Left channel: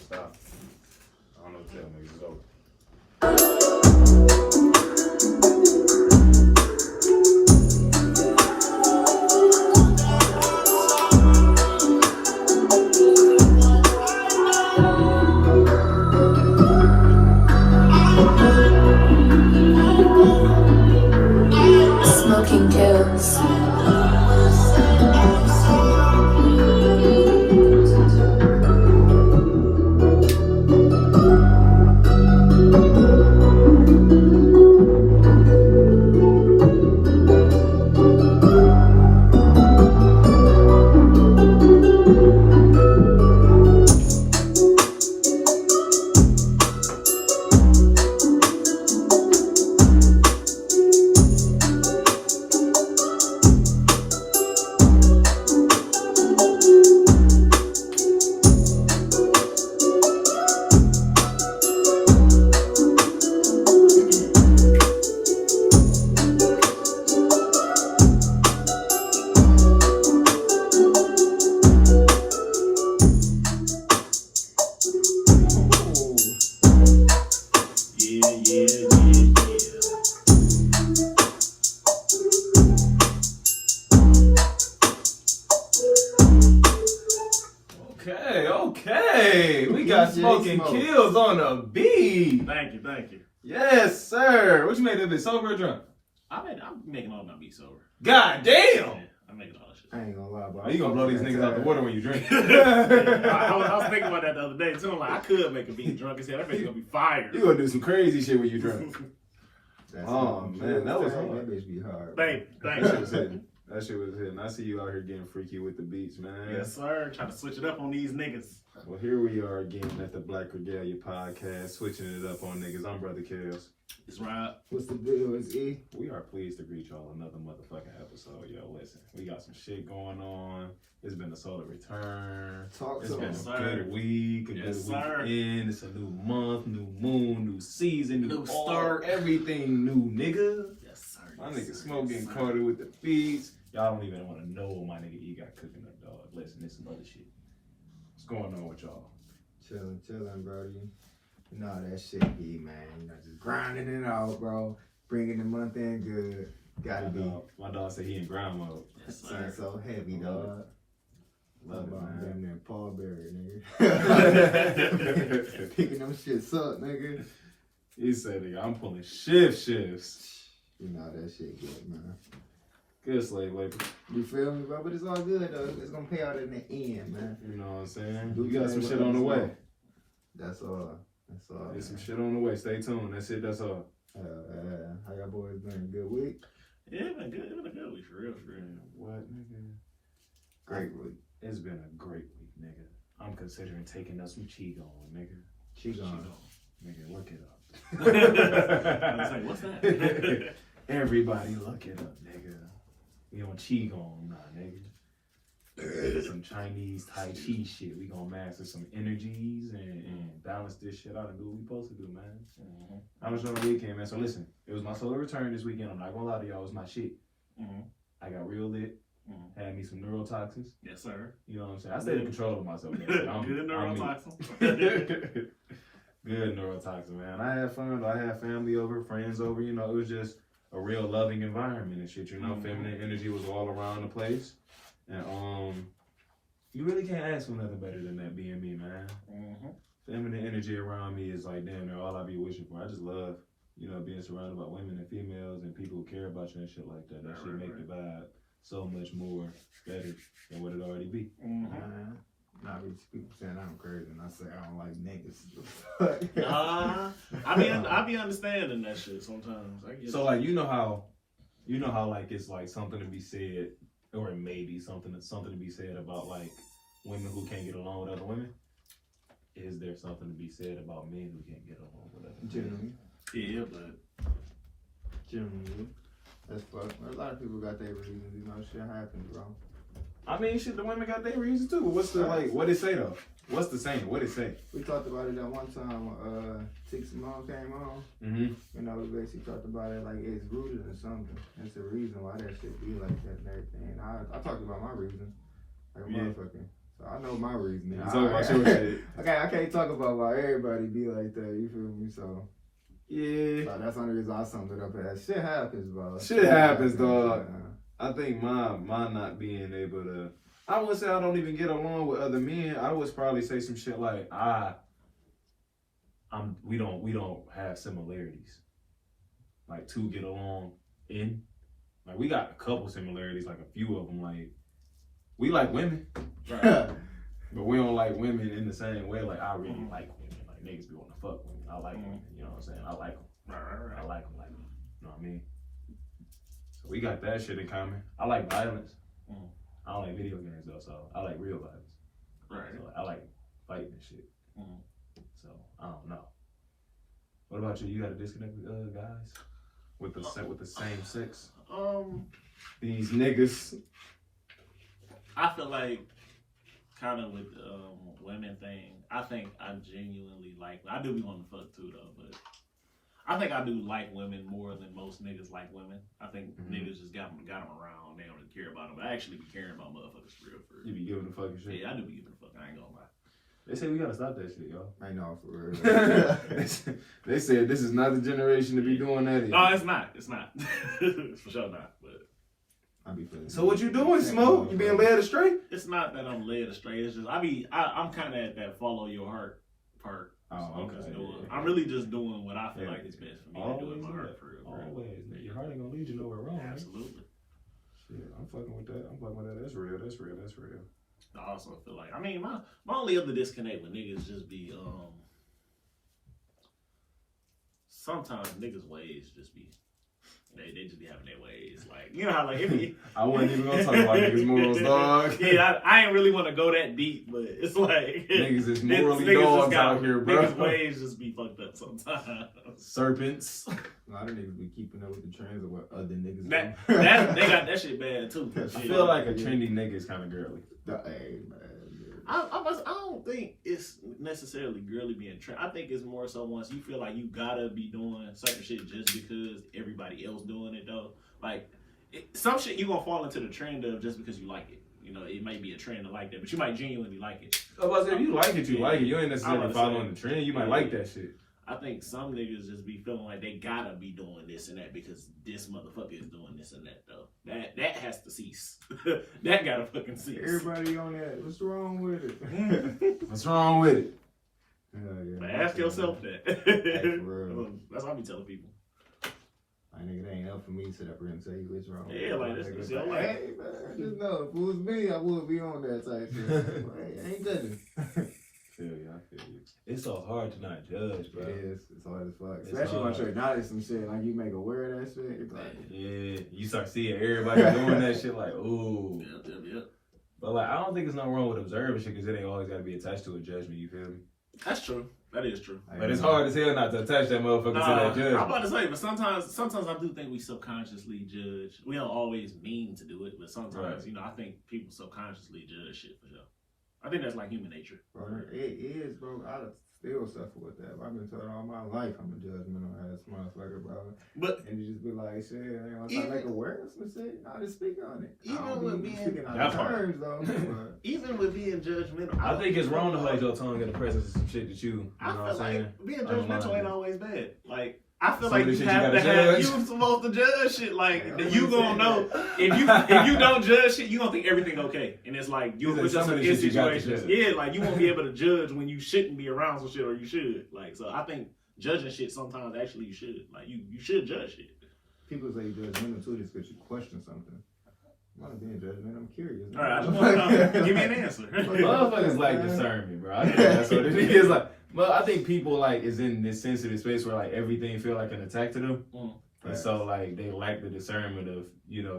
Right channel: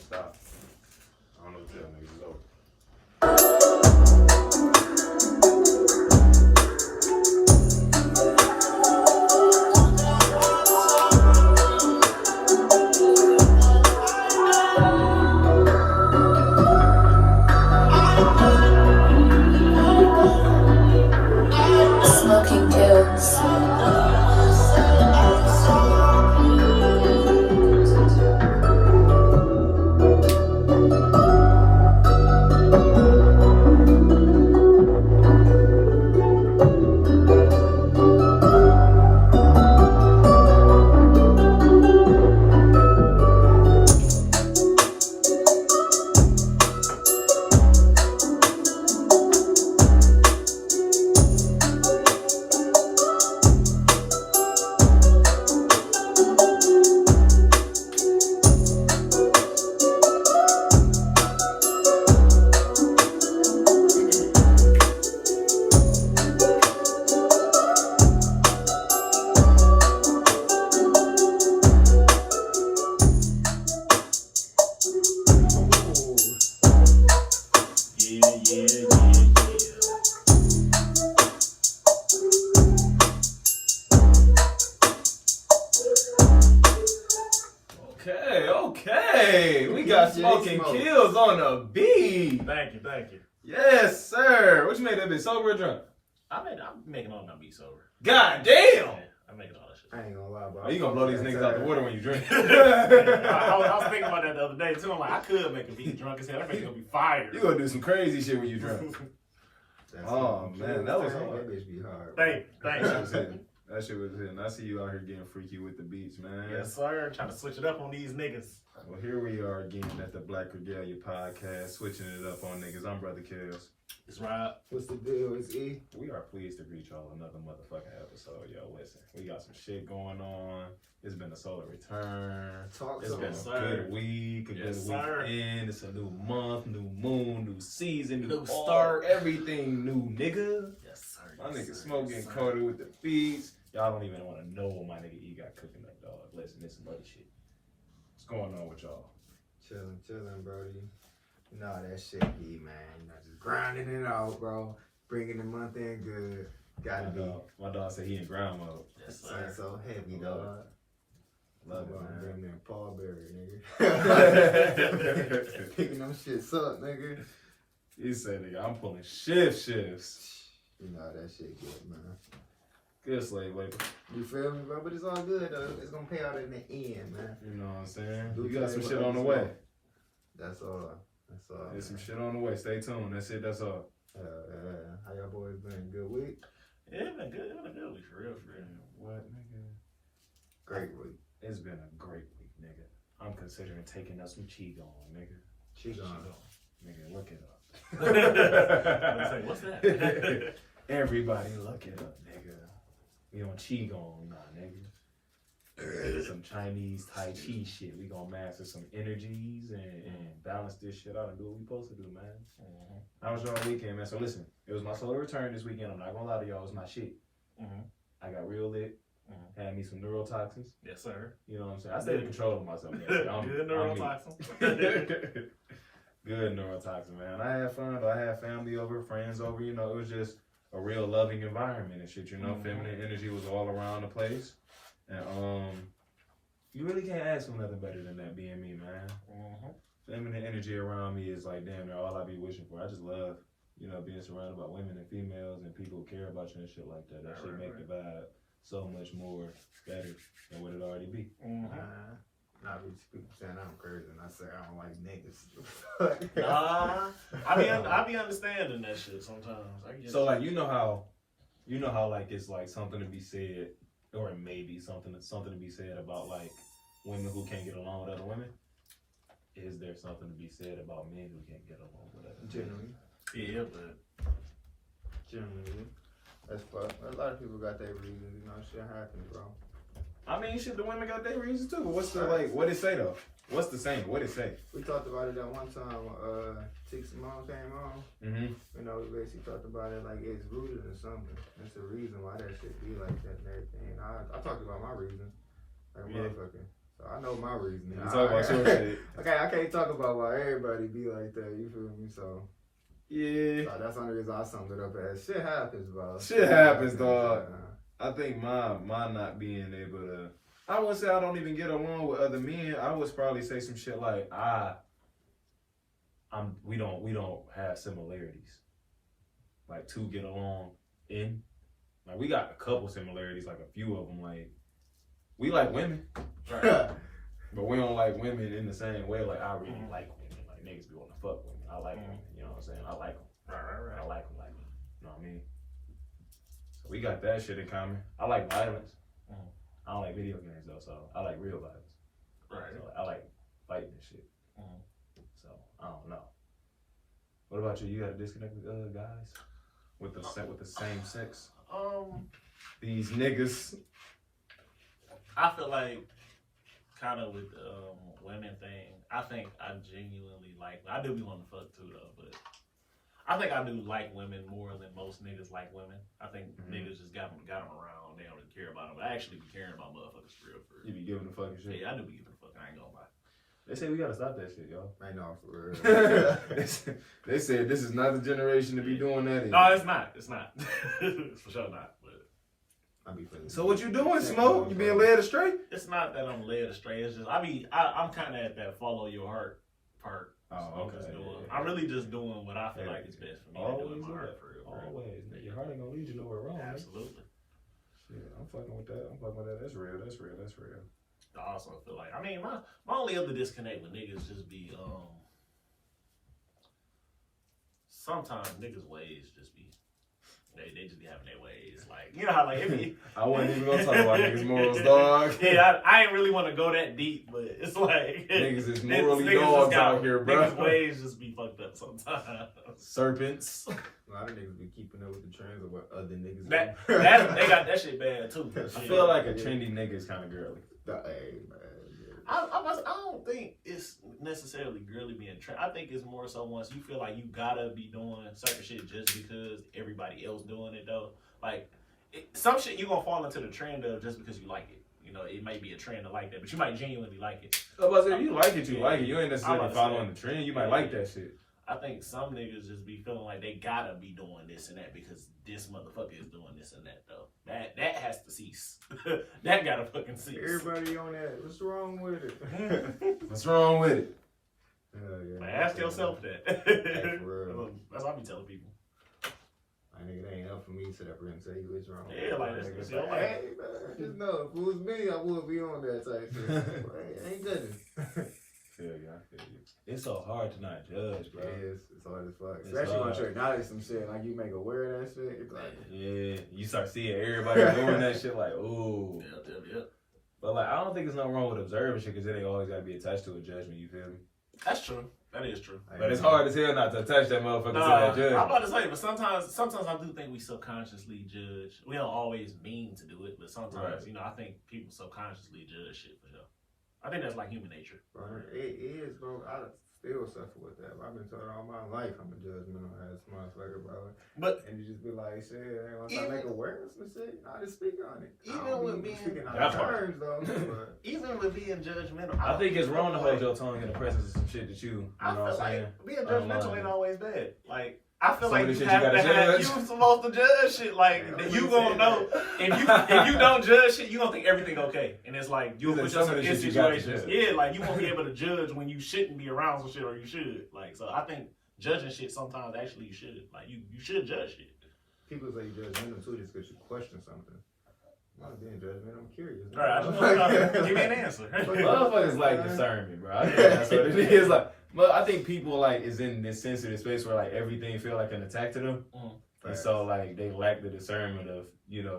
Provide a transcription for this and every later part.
stop. I don't know what to tell niggas. It's over. Smoking kills. Okay. We got smoking kills on the beat. Thank you. Yes, sir. What you made that bitch, sober or drunk? I'm making all my beats sober. God damn. Yeah, I'm making all that shit. I ain't gonna lie, bro. Oh, you gonna blow these niggas out the water when you drink? I was thinking about that the other day too. I'm like, I could make a beat drunk as hell. That bitch gonna be fired. You gonna do some crazy shit when you drunk. That's Oh, man, that was hard. That bitch be hard. Thank That shit was you. hitting. That shit was hitting. I see you out here getting freaky with the beats, man. Yes, sir. Trying to switch it up on these niggas. Well, here we are again at the Black Regalia Podcast, switching it up on niggas. I'm Brother Kills. It's right. What's the deal? It's E. We are pleased to greet y'all another motherfucking episode. Yo, listen, we got some shit going on. It's been a solar return. It's been a good week, a good weekend. It's a new month, new moon, new season, new start. Everything new, nigga. Yes, sir. My nigga Smoke getting coated with the beats. Y'all don't even want to know what my nigga E got cooking up, dog. Listen, it's some other shit. What's going on with y'all? Chilling, brody. You know how that shit be, man. You know, just grinding it out, bro. Bringing the month in good. Gotta be. My dog said he in grind mode. Yes, sir. So heavy, dog. Love it, man. Damn near Paul Berry, nigga. Picking them shits up, nigga. He said, nigga, I'm pulling shifts. You know how that shit get, man. Good slave labor. You feel me, bro? But it's all good, though. It's gonna pay out in the end, man. You know what I'm saying? You got some shit on the way. That's all. There's some shit on the way. Stay tuned. That's it. That's all. How y'all boys been? Good week? Yeah, it been good. It been a good week, for real. What, nigga? Great week. It's been a great week, nigga. I'm considering taking us some Qigong, nigga. Qigong. Nigga, look it I was like, what's that? up. Everybody look it up, nigga. We on Qigong now, nigga. Some Chinese Tai Chi shit. We gonna master some energies and balance this shit out and do what we supposed to do, man. Mm-hmm. How was your weekend, man? So listen, it was my solar return this weekend. I'm not gonna lie to y'all, it was my shit. Mm-hmm. I got real lit. Mm-hmm. Had me some neurotoxins. Yes, sir. You know what I'm saying? I stayed in control of myself. Good neurotoxin. Good neurotoxin, man. I had fun. I had family over, friends over. You know, it was just a real loving environment and shit. You know, feminine energy was all around the place, and you really can't ask for nothing better than that being me, man. Mm-hmm. Feminine energy around me is like damn near all I be wishing for. I just love, you know, being surrounded by women and females and people who care about you and shit like that. That shit make the vibe so much more better than what it already be. Mm-hmm. Nah, people saying I'm crazy and I say I don't like niggas. Nah, I be understanding that shit sometimes. I get So like you know how like it's like something to be said, or it may be something to be said about like women who can't get along with other women. Is there something to be said about men who can't get along with other men? Yeah, but Generally. That's fuck. A lot of people got their reasons, you know, shit happens, bro. I mean, shit, the women got their reasons too. What's the what it say though? What's the saying? What it say? We talked about it that one time Tick Simone came on. Mm-hmm. You know, we basically talked about it like it's rooted in something. It's a reason why that shit be like that and everything. And I talked about my reason. Like motherfucking. So I know my reasoning. You talk about your shit. Okay, I can't talk about why everybody be like that. You feel me? So yeah, that's the only reason I summed it up as shit happens, bro. Shit happens, dog. I think my not being able to. I would say I don't even get along with other men. I would probably say some shit like we don't have similarities. Like to get along in. Like we got a couple similarities, like a few of them. Like we like women, right? But we don't like women in the same way. Like I really like women. Like niggas be wanting to fuck women. I like women. You know what I'm saying? I like them. I like them. You know what I mean? So we got that shit in common. I like violence. I don't like video games though, so I like real violence. Right. So I like fighting and shit. So I don't know. What about you? You got a disconnect with guys with the same sex? These niggas. I feel like kind of with the women thing. I think I genuinely like. I do be wanting to fuck too though, but I think I do like women more than most niggas like women. I think niggas just got them around. They don't really care about them. But I actually be caring about motherfuckers for real. You be giving a fucking shit? Yeah, I do be giving a fuck. I ain't gonna lie. They say we gotta stop that shit, yo. I know, for real. They said this is not the generation to be doing that. No, it's not. It's not. It's for sure not. But I be feeling. So what you doing, Smoke? You being led astray? It's not that I'm led astray. It's just I'm kind of at that follow your heart part. Oh, okay. I'm really just doing what I feel like is best for me. Always doing my heart for real. Always. Your heart ain't gonna lead you nowhere wrong. Absolutely. Shit, I'm fucking with that. That's real. I also feel like, my only other disconnect with niggas just be, sometimes niggas' ways just be, they just be having their ways. Like, you know how, like, I wasn't even gonna talk about niggas' morals, dog. Yeah, I ain't really want to go that deep, but it's like, niggas is morally dogs out here, bro. Niggas' ways just be fucked up sometimes. Serpents. A lot of niggas be keeping up with the trends of what other niggas do. They got that shit bad, too. I feel like a trendy nigga is kind of girly. Hey, man. I don't think it's necessarily girly being trend. I think it's more so once you feel like you gotta be doing certain shit just because everybody else doing it though. Like some shit you gonna fall into the trend of just because you like it. You know, it might be a trend to like that, but you might genuinely like it. But if you like it, you like it. You ain't necessarily following the trend. You might like that shit. I think some niggas just be feeling like they gotta be doing this and that because this motherfucker is doing this and that though. That has to cease. That gotta fucking cease. Everybody on that. What's wrong with it? What's wrong with it? Yeah, but ask yourself that. That's what I be telling people. I think it ain't up for me to sit up here and tell you what's wrong. Yeah, like this is your life. Hey, man, just know if it was me, I would be on that type shit. Hey, ain't goodness. I feel you. It's so hard to not judge, bro. It is. It's hard as fuck. Especially once you acknowledge some shit, like you make aware of that shit. It's like, yeah, you start seeing everybody doing that shit, like, ooh. Yep. But like, I don't think there's nothing wrong with observing shit because it ain't always got to be attached to a judgment. You feel me? That's true. That is true. But it's hard as hell not to attach that motherfucker to that judgment. I'm about to say, but sometimes I do think we subconsciously judge. We don't always mean to do it, but sometimes, I think people subconsciously judge shit for sure. I think that's like human nature. Bro, it is, bro. I still suffer with that. I've been told all my life I'm a judgmental ass motherfucker, bro. And you just be like, shit, once I make awareness of shit, I just speak on it. Even with being speaking on terms, though. Even with being judgmental, I think it's wrong to hold your tongue in the presence of some shit that you know what I'm saying? Being judgmental ain't always bad. Like, I feel like you have to have you supposed to judge shit. Like you gonna know if you don't judge shit, you gonna think everything okay. And it's like you put yourself in situations. Yeah, like you won't be able to judge when you shouldn't be around some shit or you should. Like so, I think judging shit sometimes actually you should. Like you should judge shit. People say you judgmental too just because you question something. I'm not being judgmental. I'm curious. All right, I just want to know. Give me an answer. Motherfuckers like discernment, bro. I think that's what it is. Like. Well, I think people like is in this sensitive space where like everything feel like an attack to them, and so like they lack the discernment of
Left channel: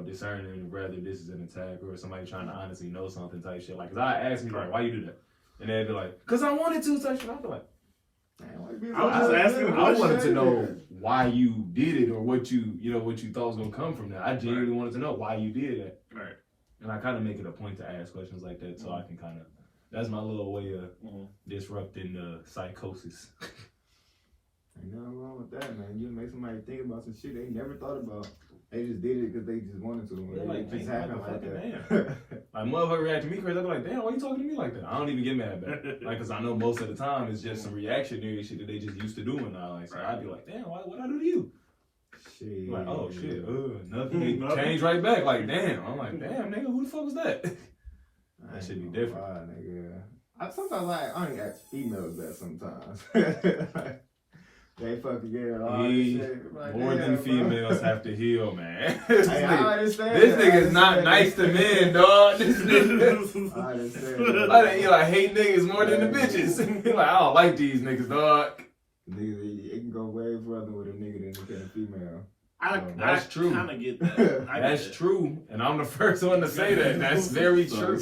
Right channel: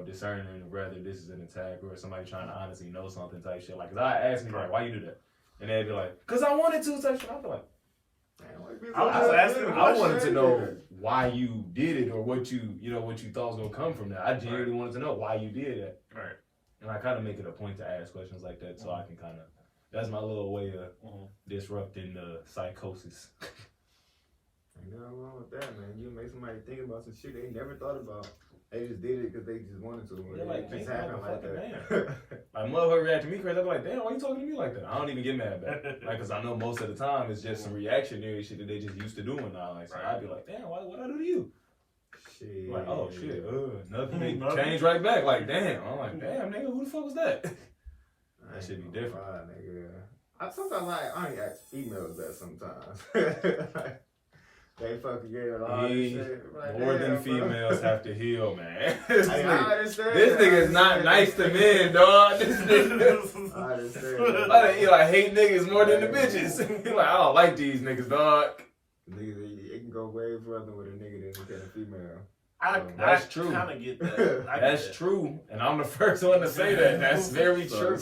discerning whether this is an attack or somebody trying to honestly know something type shit. Like, cause I ask me like, why you do that, and they'd be like, cause I wanted to type shit. I feel like, I was just asking. I wanted to know why you did it or what you thought was gonna come from that. I genuinely wanted to know why you did that. Right. And I kind of make it a point to ask questions like that so I can kind of. That's my little way of disrupting the psychosis. Ain't nothing wrong with that, man. You make somebody think about some shit they never thought about. They just did it because they just wanted to. They're like, just happened like that. Damn. Like, motherfucker react to me crazy. I'm like, damn, why you talking to me like that? I don't even get mad back. Like, because I know most of the time it's just some reactionary shit that they just used to doing now. Like, so I'd be like, damn, what I do to you? Shit. Like, oh, shit. Nothing. They change right back. Like, damn. I'm like, damn, nigga, who the fuck was that? That should be different. I sometimes I only ask females that sometimes. They fucking get a lot of shit. Like, more than females have to heal, man. This nigga is not nice to men, dog. This nigga. I understand. You like hate niggas more than the bitches. Like, I don't like these niggas, dog. Nigga, it can go way further with a nigga than it can a female. That's true. I kind of get that. That's true, and I'm the first one to say that. That's very true.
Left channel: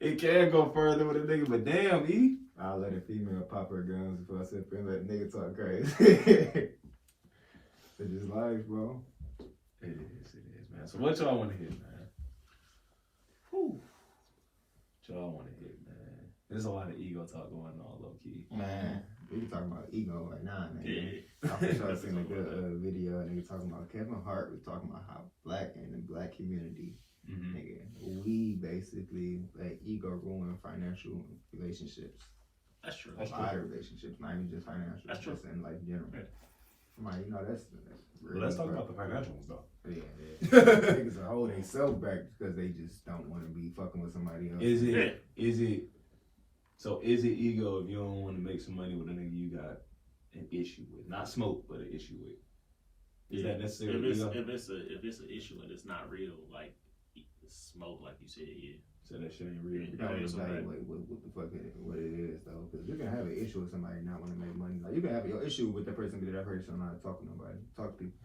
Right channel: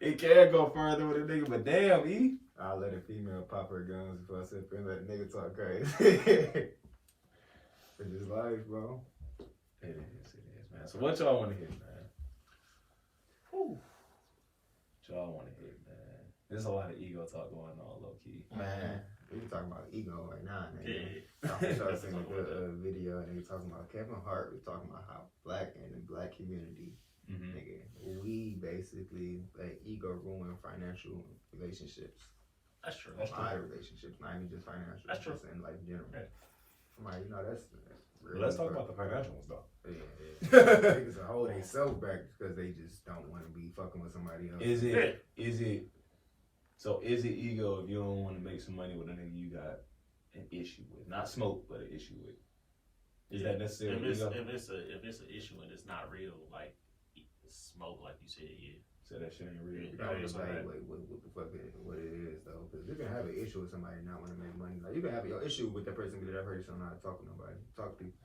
It can go further with a nigga, but damn, E. I'll let a female pop her guns before I sit there and let a nigga talk crazy. It's just life, bro. It is, man. So what y'all want to hit, man? Whew. What y'all want to hit, man? There's a lot of ego talk going on, low key. Man, we can talk about ego right now, nigga. Yeah. I wish I seen a good video, nigga, talking about Kevin Hart. We talking about how black and the black community, nigga, we basically let ego ruin financial relationships. That's true. A lot of relationships, not even just financial. That's true. Just in life general. Yeah. I'm like, you know, that's Let's talk about the financial ones, though. Yeah. Niggas are holding themselves back because they just don't want to be fucking with somebody else. Is it ego if you don't want to make some money with a nigga you got an issue with? Not smoke, but an issue with. Is that necessarily ego? If it's an issue and it's not real, like smoke, like you said, yeah. So that shit ain't real. You don't evaluate what the fuck what it is though, because you can have an issue with somebody not want to make money. Like you can have your issue with that person because that person don't know how to talk to nobody, talk to people.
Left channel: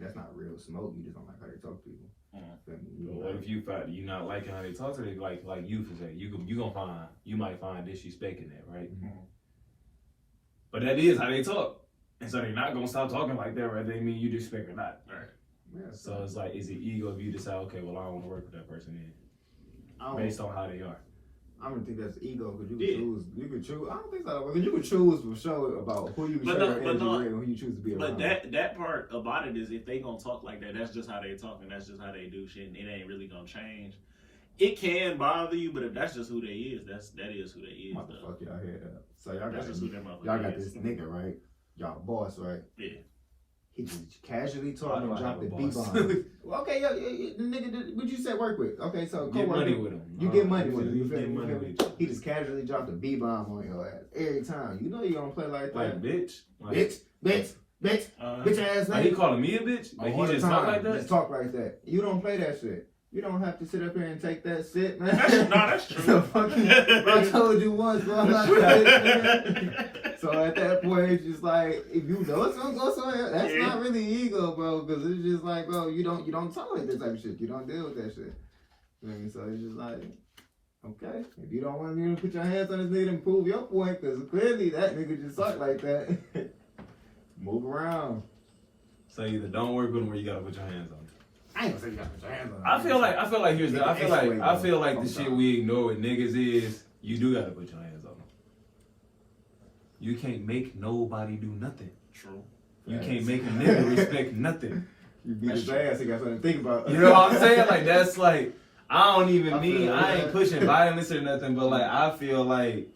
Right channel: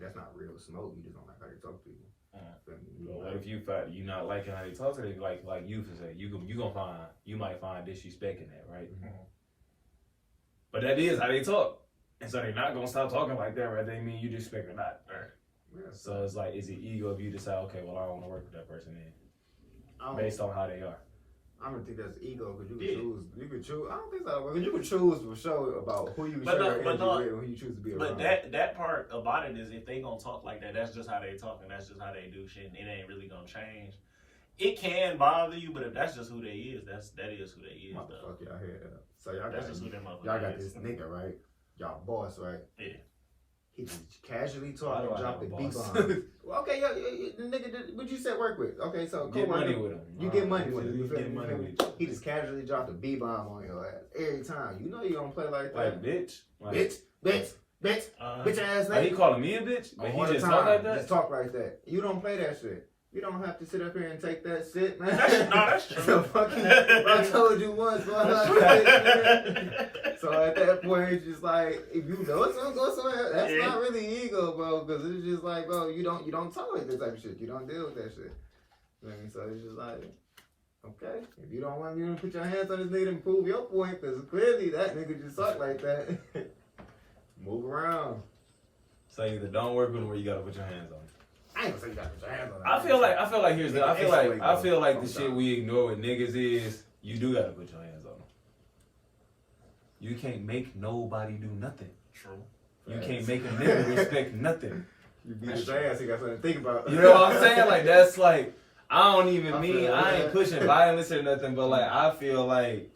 That's not real smoke. You just don't like how they talk to people. But what if you find you not liking how they talk to them? Like you for say you might find disrespect in that, right? But that is how they talk, and so they're not gonna stop talking like that, right? They mean you disrespect or not. All right. Yeah, So it's like, is it ego if you decide, okay, well I don't want to work with that person then? Based on how they are. I don't think that's ego because you can choose. You can choose. I don't think so because you can choose for sure about who you share your energy with and who you choose to be around. But that part about it is if they gonna talk like that, that's just how they talk and that's just how they do shit. And it ain't really gonna change. It can bother you, but if that's just who they is, that is who they is. Fuck y'all hear that? So y'all that's got, just who them motherfuckers y'all got is. this nigga right? Y'all boss right? Yeah. He just casually talk and drop the boss? B-bomb. Well, okay, yo, nigga, what you said work with? Okay, so Get money with him. You get money with him. You get money with him. He just casually dropped a B-bomb on your ass every time. You know you gonna play like that. Like bitch. Like, bitch ass. Like he calling me a bitch? Like he just talk like that? Just talk like that. You don't play that shit. You don't have to sit up here and take that shit, man. That's true. So fucking, I told you once, bro. So at that point, it's just like, if you know it's gonna go somewhere, that's not really ego, bro. Because it's just like, bro, you don't tolerate this type of shit. You don't deal with that shit. You know what I mean? So it's just like, okay, if you don't want me to put your hands on this nigga and prove your point, because clearly that nigga just suck like that. Move around. So either don't work with him or you gotta put your hands on him. I ain't gonna say you gotta put your hands on him. I feel like the shit we ignore with niggas is you do gotta put your hands on them. You can't make nobody do nothing. True. You can't make a nigga respect nothing. You beat his ass, he got something to think about. You know what I'm saying? Like that's like I ain't pushing violence or nothing, but like I feel like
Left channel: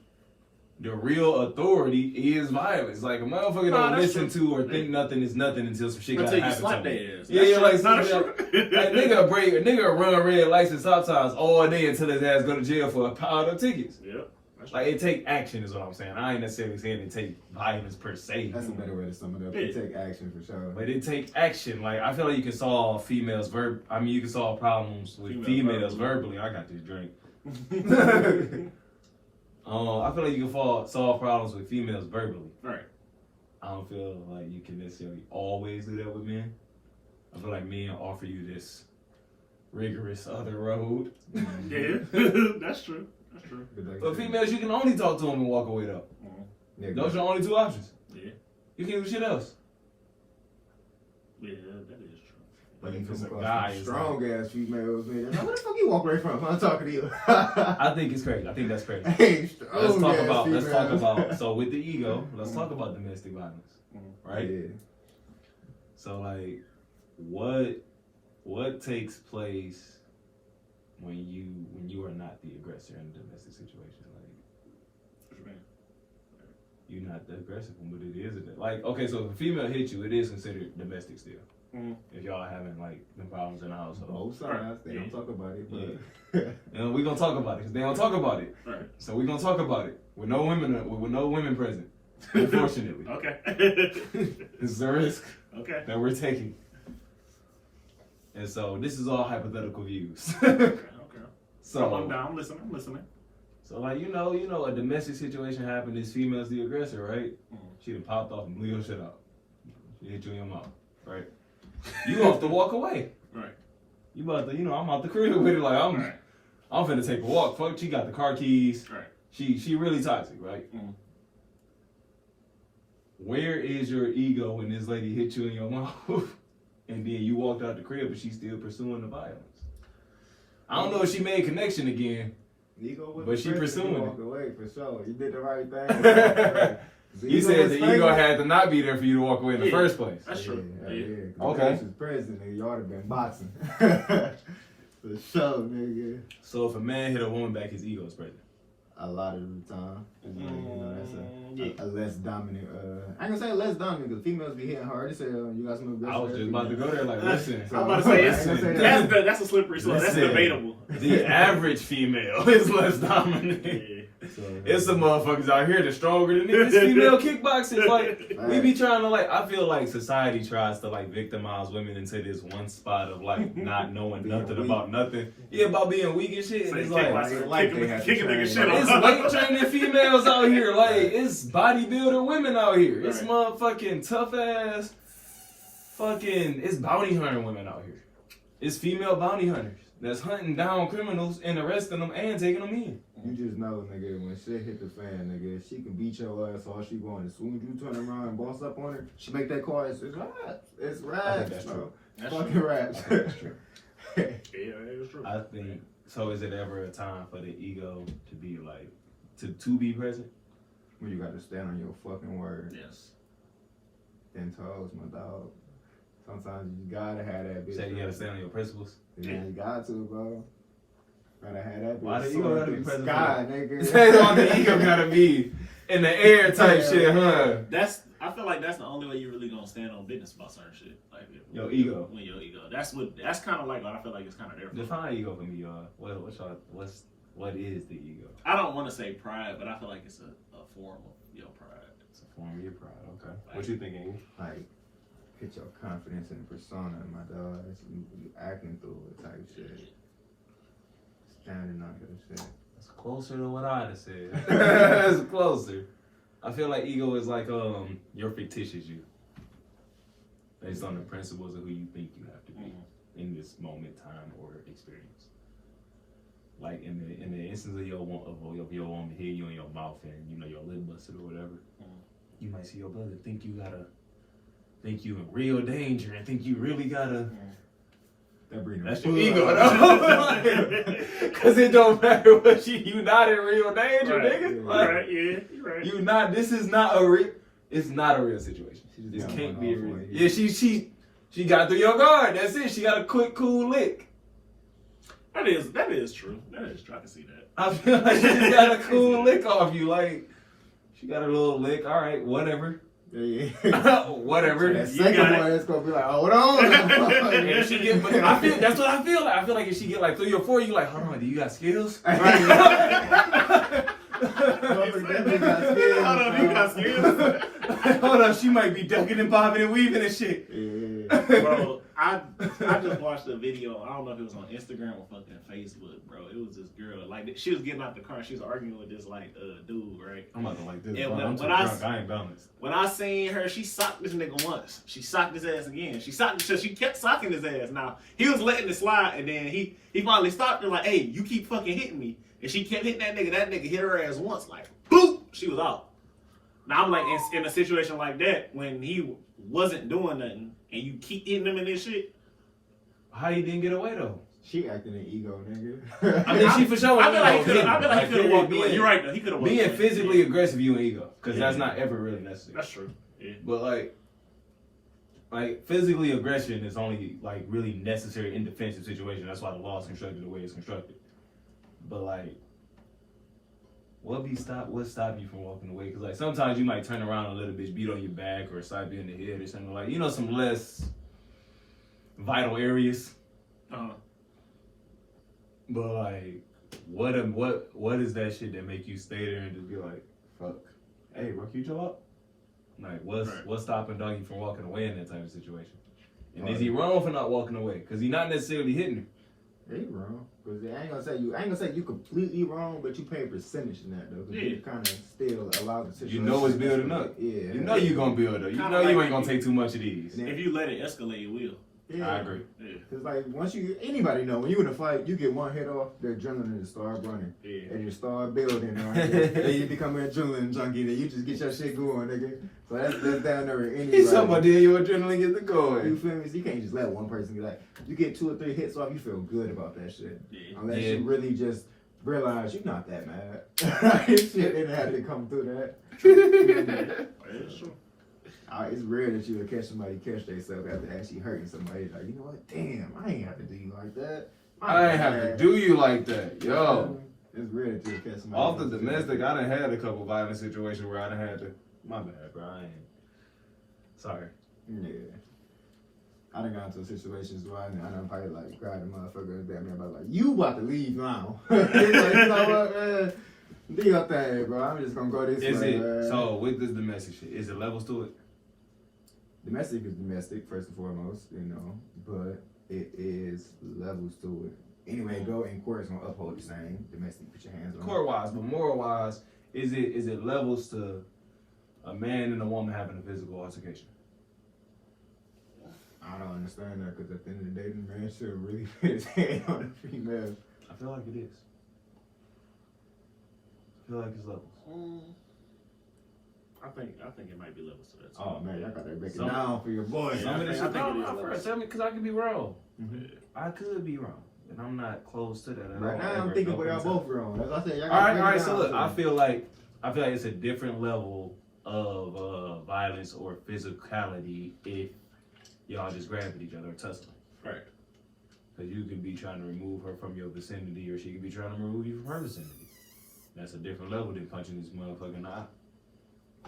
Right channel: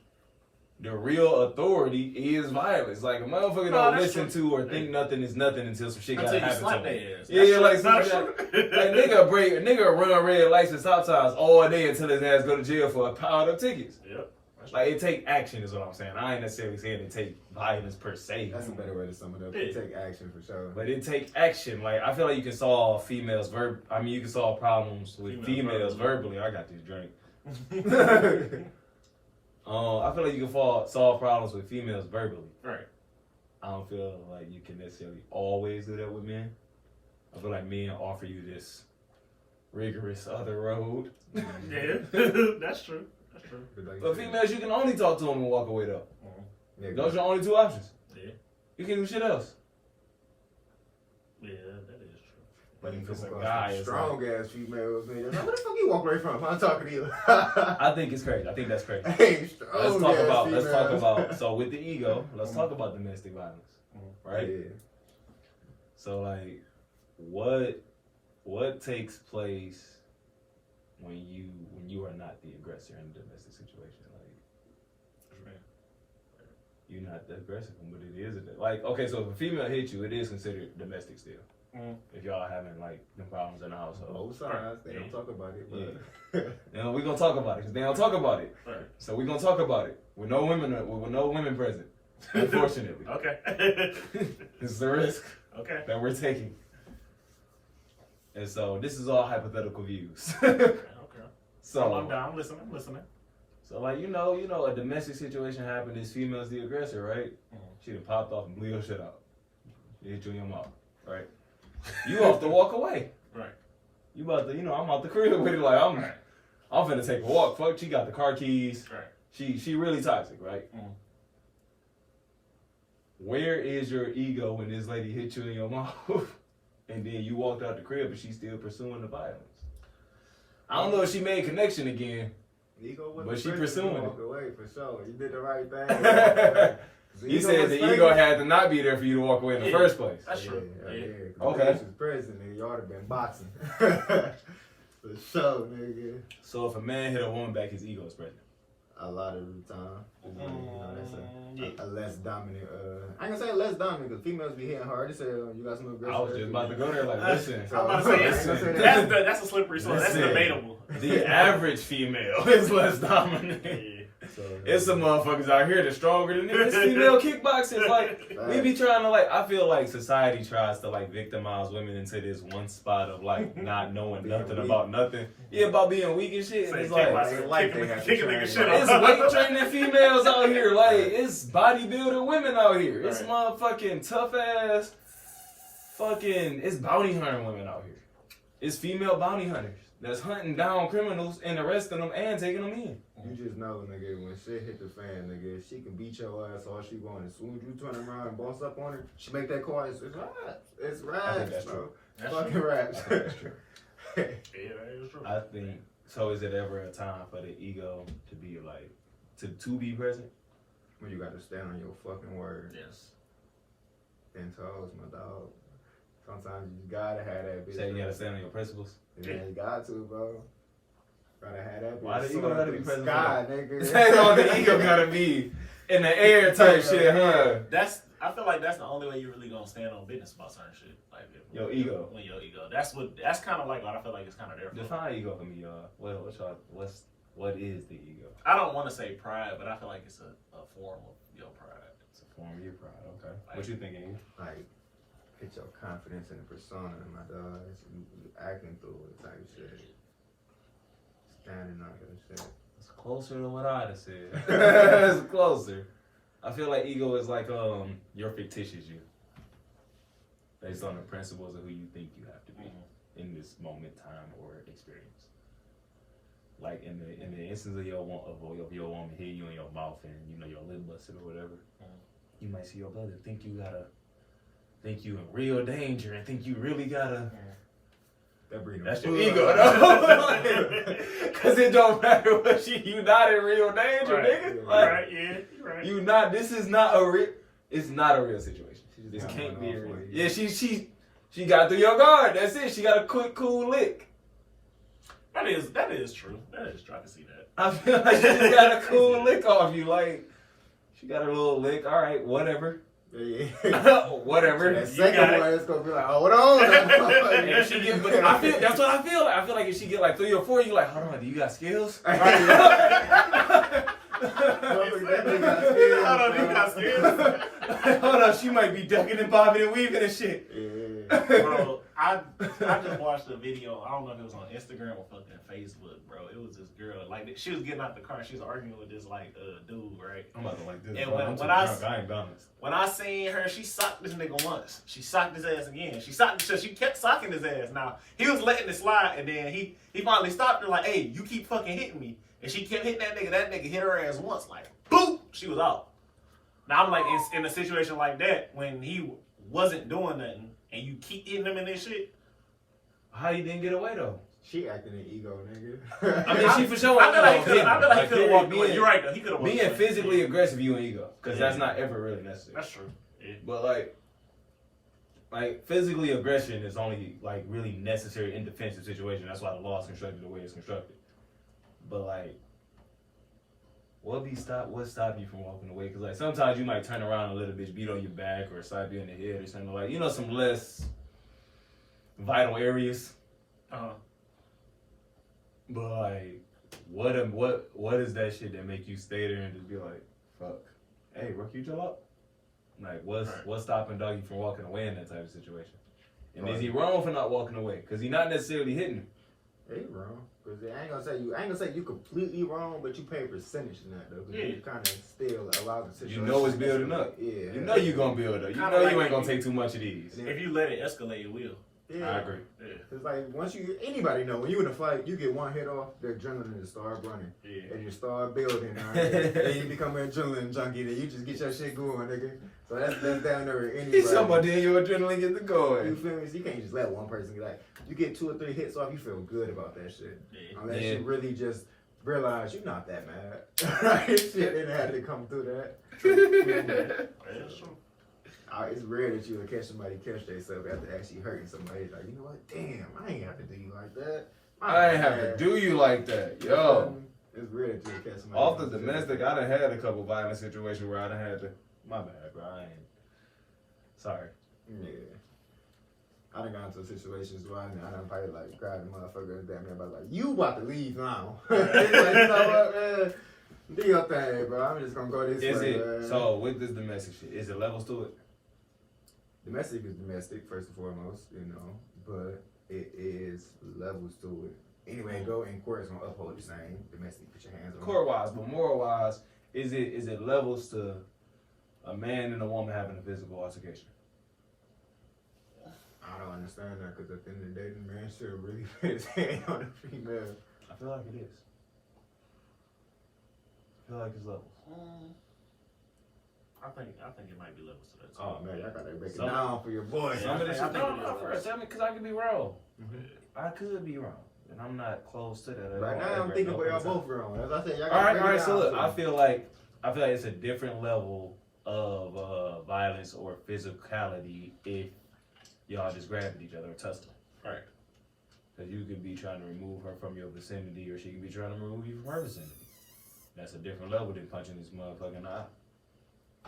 the real authority is violence. Like a motherfucker don't listen to or think nothing is nothing until some shit gotta happen to them. Yeah, like nigga run red lights and stop signs all day until his ass go to jail for a pile of tickets. Yep. Like it take action is what I'm saying. I ain't necessarily saying it take violence per se. That's a better way to sum it up. It take action for sure. But it take action. Like I feel like you can solve you can solve problems with females verbally. I got this drink. I feel like you can solve problems with females verbally. Right. I don't feel like you can necessarily always do that with men. I feel like men offer you this rigorous other road. Yeah, that's true. That's true. But females, you can only talk to them and walk away though. Yeah, those are the only two options. Yeah. You can't do shit else. Yeah, that is true. But if it's a guy, it's strong ass females, man. Like, where the fuck you walk away from? I'm not talking to you. I think it's crazy. I think that's crazy. Let's talk about. So with the ego, let's talk about domestic violence, right? Yeah. So like, what takes place when you are not the aggressor in a domestic situation? Like, you're not the aggressive one, but it is. Like, okay, so if a female hits you, it is considered domestic still. If y'all having like them problems in the household. Both sides, they don't talk about it. But and we're gonna talk about it because they don't talk about it. Right. So we're gonna talk about it with no women present. Unfortunately. Okay. This is a risk that we're taking. And so this is all hypothetical views. Okay. So I'm listening. So like you know, a domestic situation happened. This female's the aggressor, right? She done popped off and blew your shit out. She hit you in your mouth, right? You have to walk away. Right. You about to, I'm out the crib with it. Like I'm finna take a walk. Fuck, she got the car keys. Right. She really toxic, right? Where is your ego when this lady hit you in your mouth, and then you walked out the crib, but she's still pursuing the violence? I don't know if she made connection again, but she pursuing it. Walk away for sure. You did the right thing. You said the ego had to not be there for you to walk away in the first place. That's true. Yeah. Okay. If was president, nigga, y'all would have been boxing. For sure, nigga. So if a man hit a woman back, his ego is present. A lot of the time. That's a less dominant. I ain't gonna say less dominant because females be hitting hard as hell. You got some aggressive. I was just about to go there like, listen. I'm about to say that's a slippery slope. That's debatable. The average female is less dominant. It's some motherfuckers out here that's stronger than this female kickboxers. Like, we be trying to, like, I feel like society tries to, like, victimize women into this one spot of, like, not knowing nothing about nothing. Yeah, about being weak and shit. And it's kicking nigga shit off. It's weight training females out here. Like, it's bodybuilder women out here. It's motherfucking tough ass it's bounty hunting women out here. It's female bounty hunters that's hunting down criminals and arresting them and taking them in. You just know, nigga, when shit hit the fan, nigga, she can beat your ass all she want. As soon as you turn around and boss up on her, she make that call. It's raps. It's raps. I think that's true. That's fucking raps. That's true. Yeah, it's true. I think, so is it ever a time for the ego to be like, to be present? When you got to stand on your fucking word. Yes. 10 toes, my dog. Sometimes you gotta have that bitch. Say you gotta stand on your principles? Yeah, you got to, bro. Gotta have that bitch. Why the ego gotta be present? Sky, nigga. Say the ego gotta be in the air type shit, huh? I feel like that's the only way you really gonna stand on business about certain shit. Like your ego. When your ego. That's kind of like what I feel like it's kind of there for. Define ego for me, y'all. What is the ego? I don't want to say pride, but I feel like it's a form of your pride. It's a form of your pride. Okay. Like, what you thinking? Like, get your confidence in the persona, my dog. You acting through it type shit. Standing on your shit. It's closer to what I'd have said. It's closer. I feel like ego is like your fictitious you. Based on the principles of who you think you have to be in this moment, time, or experience. Like in the instance of your woman hit you in your mouth and your lip busted or whatever, you might see your brother think you in real danger and think you really gotta. That's your ego, though. Because it don't matter what you not in real danger, nigga. Right, yeah, you're right. You not. This is not a real. It's not a real situation. This can't be a real. Yeah, she got through your guard. That's it. She got a quick, cool lick. That is true. That is true. I can see that. I feel like she just got a cool lick off you. Like, she got a little lick. All right, whatever. Yeah. Whatever. That second one, it's gonna be like, hold on. If she get, that's what I feel like. I feel like if she get like 3 or 4, you like, hold on, do you got skills? Hold on, you got skills. Hold on, she might be ducking and bobbing and weaving and shit. Yeah. Bro, I just watched a video. I don't know if it was on Instagram or fucking Facebook, bro. It was this girl, like, she was getting out the car and she was arguing with this like dude, right? I'm not like this. And I ain't balanced. When I seen her, she socked this nigga once. She socked his ass again. She kept socking his ass. Now he was letting it slide, and then he finally stopped her like, "Hey, you keep fucking hitting me." And she kept hitting that nigga. That nigga hit her ass once, like boop. She was out. Now I'm like in a situation like that when he wasn't doing nothing, and you keep hitting him in this shit. How you didn't get away though? She acting an ego, nigga. I mean, she for sure. I feel like he could have walked away. You're right though. He could have walked away. Being physically aggressive, you an ego, because that's not ever really necessary. That's true. Yeah. But like, like physically aggression is only like really necessary in defensive situation. That's why the law is constructed the way it's constructed. But like, what stop you from walking away? Because like sometimes you might turn around a little bit, beat on your back or slap you in the head or something like, you know, some less vital areas. But like, what is that shit that make you stay there and just be like, fuck, hey, bro, can you chill up? Like, what's stopping Doggy from walking away in that type of situation? And is he wrong for not walking away? Because he's not necessarily hitting him. He wrong. Because I ain't gonna say you completely wrong, but you pay a percentage in that though. You kind of still allow the situation. You know it's building up. Yeah. You know you're gonna build up. You know like you ain't gonna take too much of these. If you let it escalate, it will. Yeah. I agree. Because like anybody know when you in a fight, you get one hit off, the adrenaline just start running, and you start building. Right? Then you become an adrenaline junkie. Then you just get your shit going, nigga. So that's down there with anybody. He's talking about then your adrenaline gets to going. You feel me? So you can't just let one person get like you get 2 or 3 hits off, you feel good about that shit. Unless you really just realize you're not that mad. Shit didn't have to come through that. That's true. It's rare that you would catch somebody catch themselves after actually hurting somebody. Like, you know what? Damn, I ain't have to do you like that. I ain't have to do you like that. Yo. It's rare that you would catch somebody. Off the domestic, I done had a couple violent situations where I done had to. My bad, bro. I ain't. Sorry. Yeah. I done got into situations where I done probably like grabbed the motherfucker that me about like, you about to leave now. It's like, you know what, man? Do your thing, bro. I'm just gonna go this way. Man. So with this domestic shit, is it levels to it? Domestic is domestic, first and foremost, you know, but it is levels to it. Anyway, go in court is gonna uphold the same. Domestic, put your hands on court wise, but moral wise, is it levels to a man and a woman having a physical altercation? I don't understand that because at the end of the day, the man should really put his hand on the female. I feel like it is. I feel like it's levels. I think it might be levels to that. Oh man, I gotta break it down for your boy. Tell me, because I could be wrong. I could be wrong, and I'm not close to that at all. Right now, I'm thinking y'all both wrong. As I said, y'all all right. So look, I feel like it's a different level of violence or physicality if y'all just grab at each other or tussle. Right. Because you could be trying to remove her from your vicinity, or she could be trying to remove you from her vicinity. That's a different level than punching this motherfucker in the eye.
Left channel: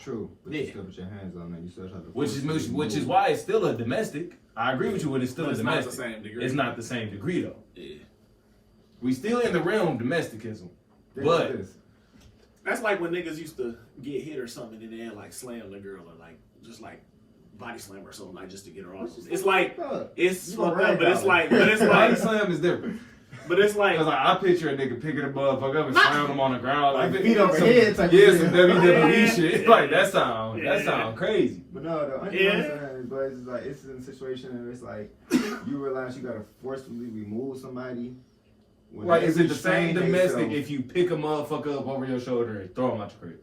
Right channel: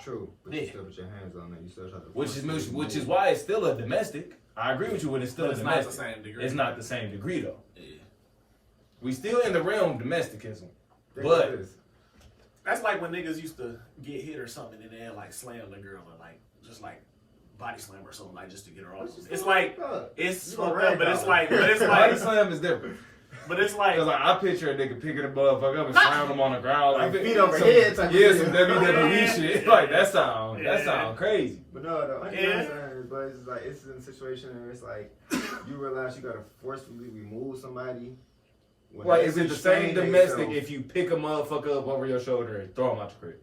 True. But you still put your hands on it. You still have to. Which is why it's still a domestic. I agree with you when it's still a domestic. It's not the same degree. It's not the same degree though. Yeah. We still in the realm of domesticism. But that's like when niggas used to get hit or something and then like slam the girl or like just like body slam or something like just to get her off. It's like it's fucked up, but it's like body slam is different. But it's like I picture a nigga picking a motherfucker up and slamming him on the ground like feet over head type some WWE shit. Like that sound crazy. But no, though, I understand. But it's like it's in a situation where it's like you realize you gotta forcefully remove somebody. Like, is it the same domestic if you pick a motherfucker up over your shoulder and throw him out your crib?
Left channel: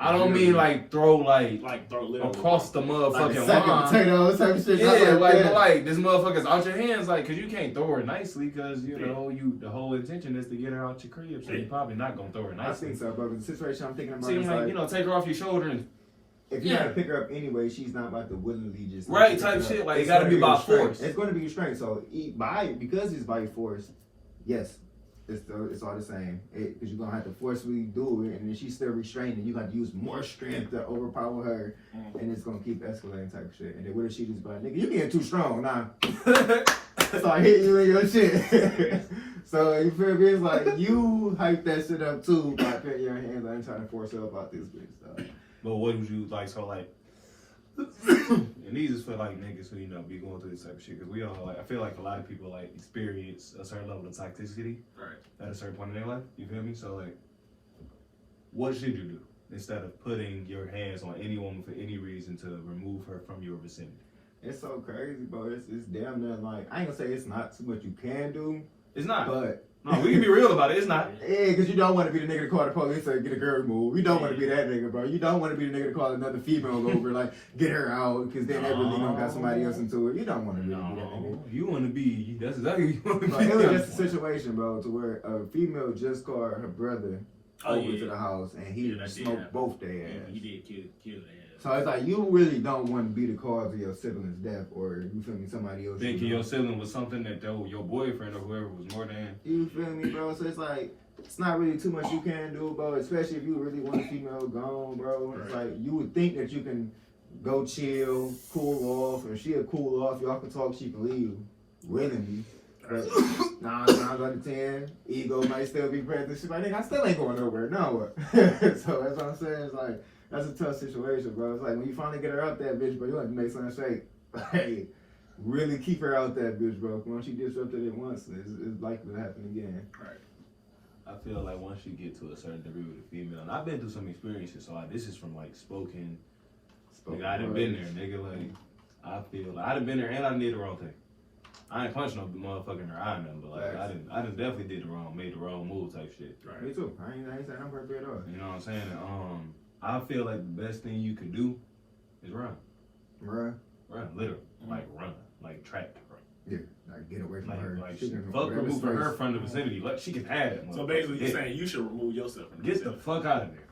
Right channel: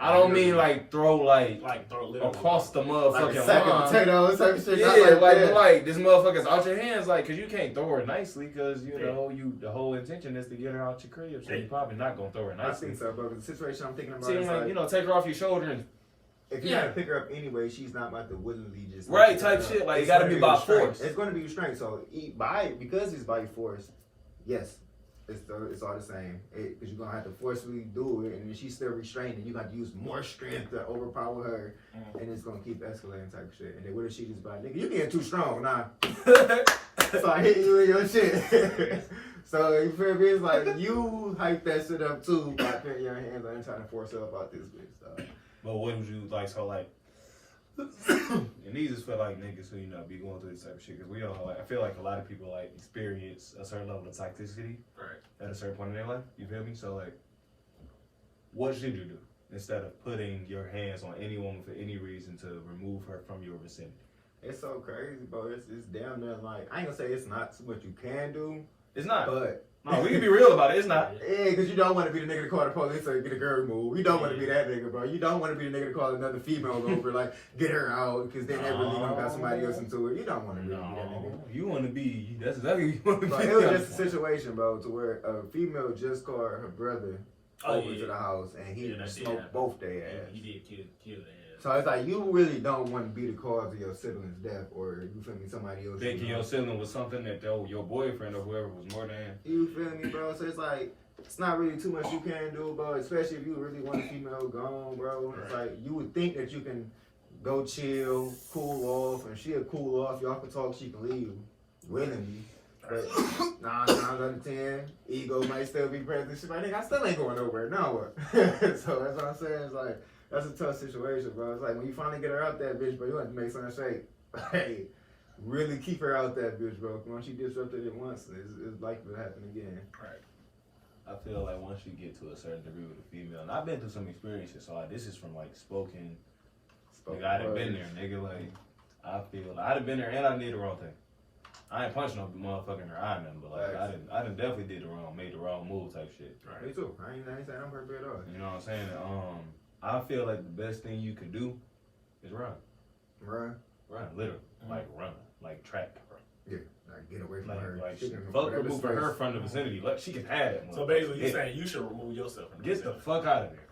I don't mean like throw across the motherfucking line. Potatoes, type of shit. Yeah, like this motherfucker's out your hands, like, cause you can't throw her nicely, cause you know the whole intention is to get her out your crib, so you're probably not gonna throw her nicely. I think so, but the situation I'm thinking about is like, take her off your shoulder and. If you gotta pick her up anyway, she's not about to willingly just right type shit. Like it gotta be by force. It's going to be restrained. So because it's by force, yes, it's all the same. Because you're gonna have to forcefully do it, and then she's still restrained, and you got to use more strength to overpower her, and it's gonna keep escalating type of shit. And then what if she just like, nigga, you getting too strong now? Start hitting you in your shit. So you feel me? It's like you hype that shit up too by putting your hands on and trying to force her up out this bitch. So. But what would you like? So like, and these is for like niggas who be going through this type of shit. Because we all like, I feel like a lot of people like experience a certain level of toxicity at a certain point in their life. You feel me? So like, what should you do instead of putting your hands on any woman for any reason to remove her from your vicinity? It's so crazy, bro. It's damn near like I ain't gonna say it's not too much you can do. It's not. But no, we can be real about it. It's not. Yeah, because you don't want to be the nigga to call the police and get a girl removed. You don't want to be that nigga, bro. You don't want to be the nigga to call another female over, like, get her out, because then that really gonna got somebody else into it. You don't want to be that nigga. You want to be, that's exactly what you want to be. It was just a situation, bro, to where a female just called her brother over to the house, and he smoked both their ass. He did kill their ass. So it's like you really don't want to be the cause of your sibling's death, or you feel me, somebody else. Thinking your sibling was something that your boyfriend or whoever was more than. You feel me, bro? So it's like it's not really too much you can do, bro. Especially if you really want a female gone, bro. It's like you would think that you can go chill, cool off. If she'll cool off, y'all can talk. She can leave willingly. But 9 times out of 10, ego might still be present. She's like, nigga, I still ain't going nowhere. No. So that's what I'm saying. It's like, that's a tough situation, bro. It's like, when you finally get her out that bitch, bro, you have to make something straight. Hey, really keep her out that bitch, bro. Once you disrupted it once, it's likely to happen again. Right. I feel like once you get to a certain degree with a female, and I've been through some experiences, so this is from like spoken nigga, I done been there, nigga. Like, I feel like I done been there and I did the wrong thing. I ain't punched no motherfucker in her eye, nothing, but like I done definitely made the wrong move type shit. Right. Me too. I ain't saying I'm perfect at all. You know what I'm saying? And, I feel like the best thing you could do is run. Run, Literally, like run, like track. Yeah, like get away from her. Like fuck removing her from the vicinity. Like she can have it. So basically, you're saying you should remove yourself from the Get the fuck out of there.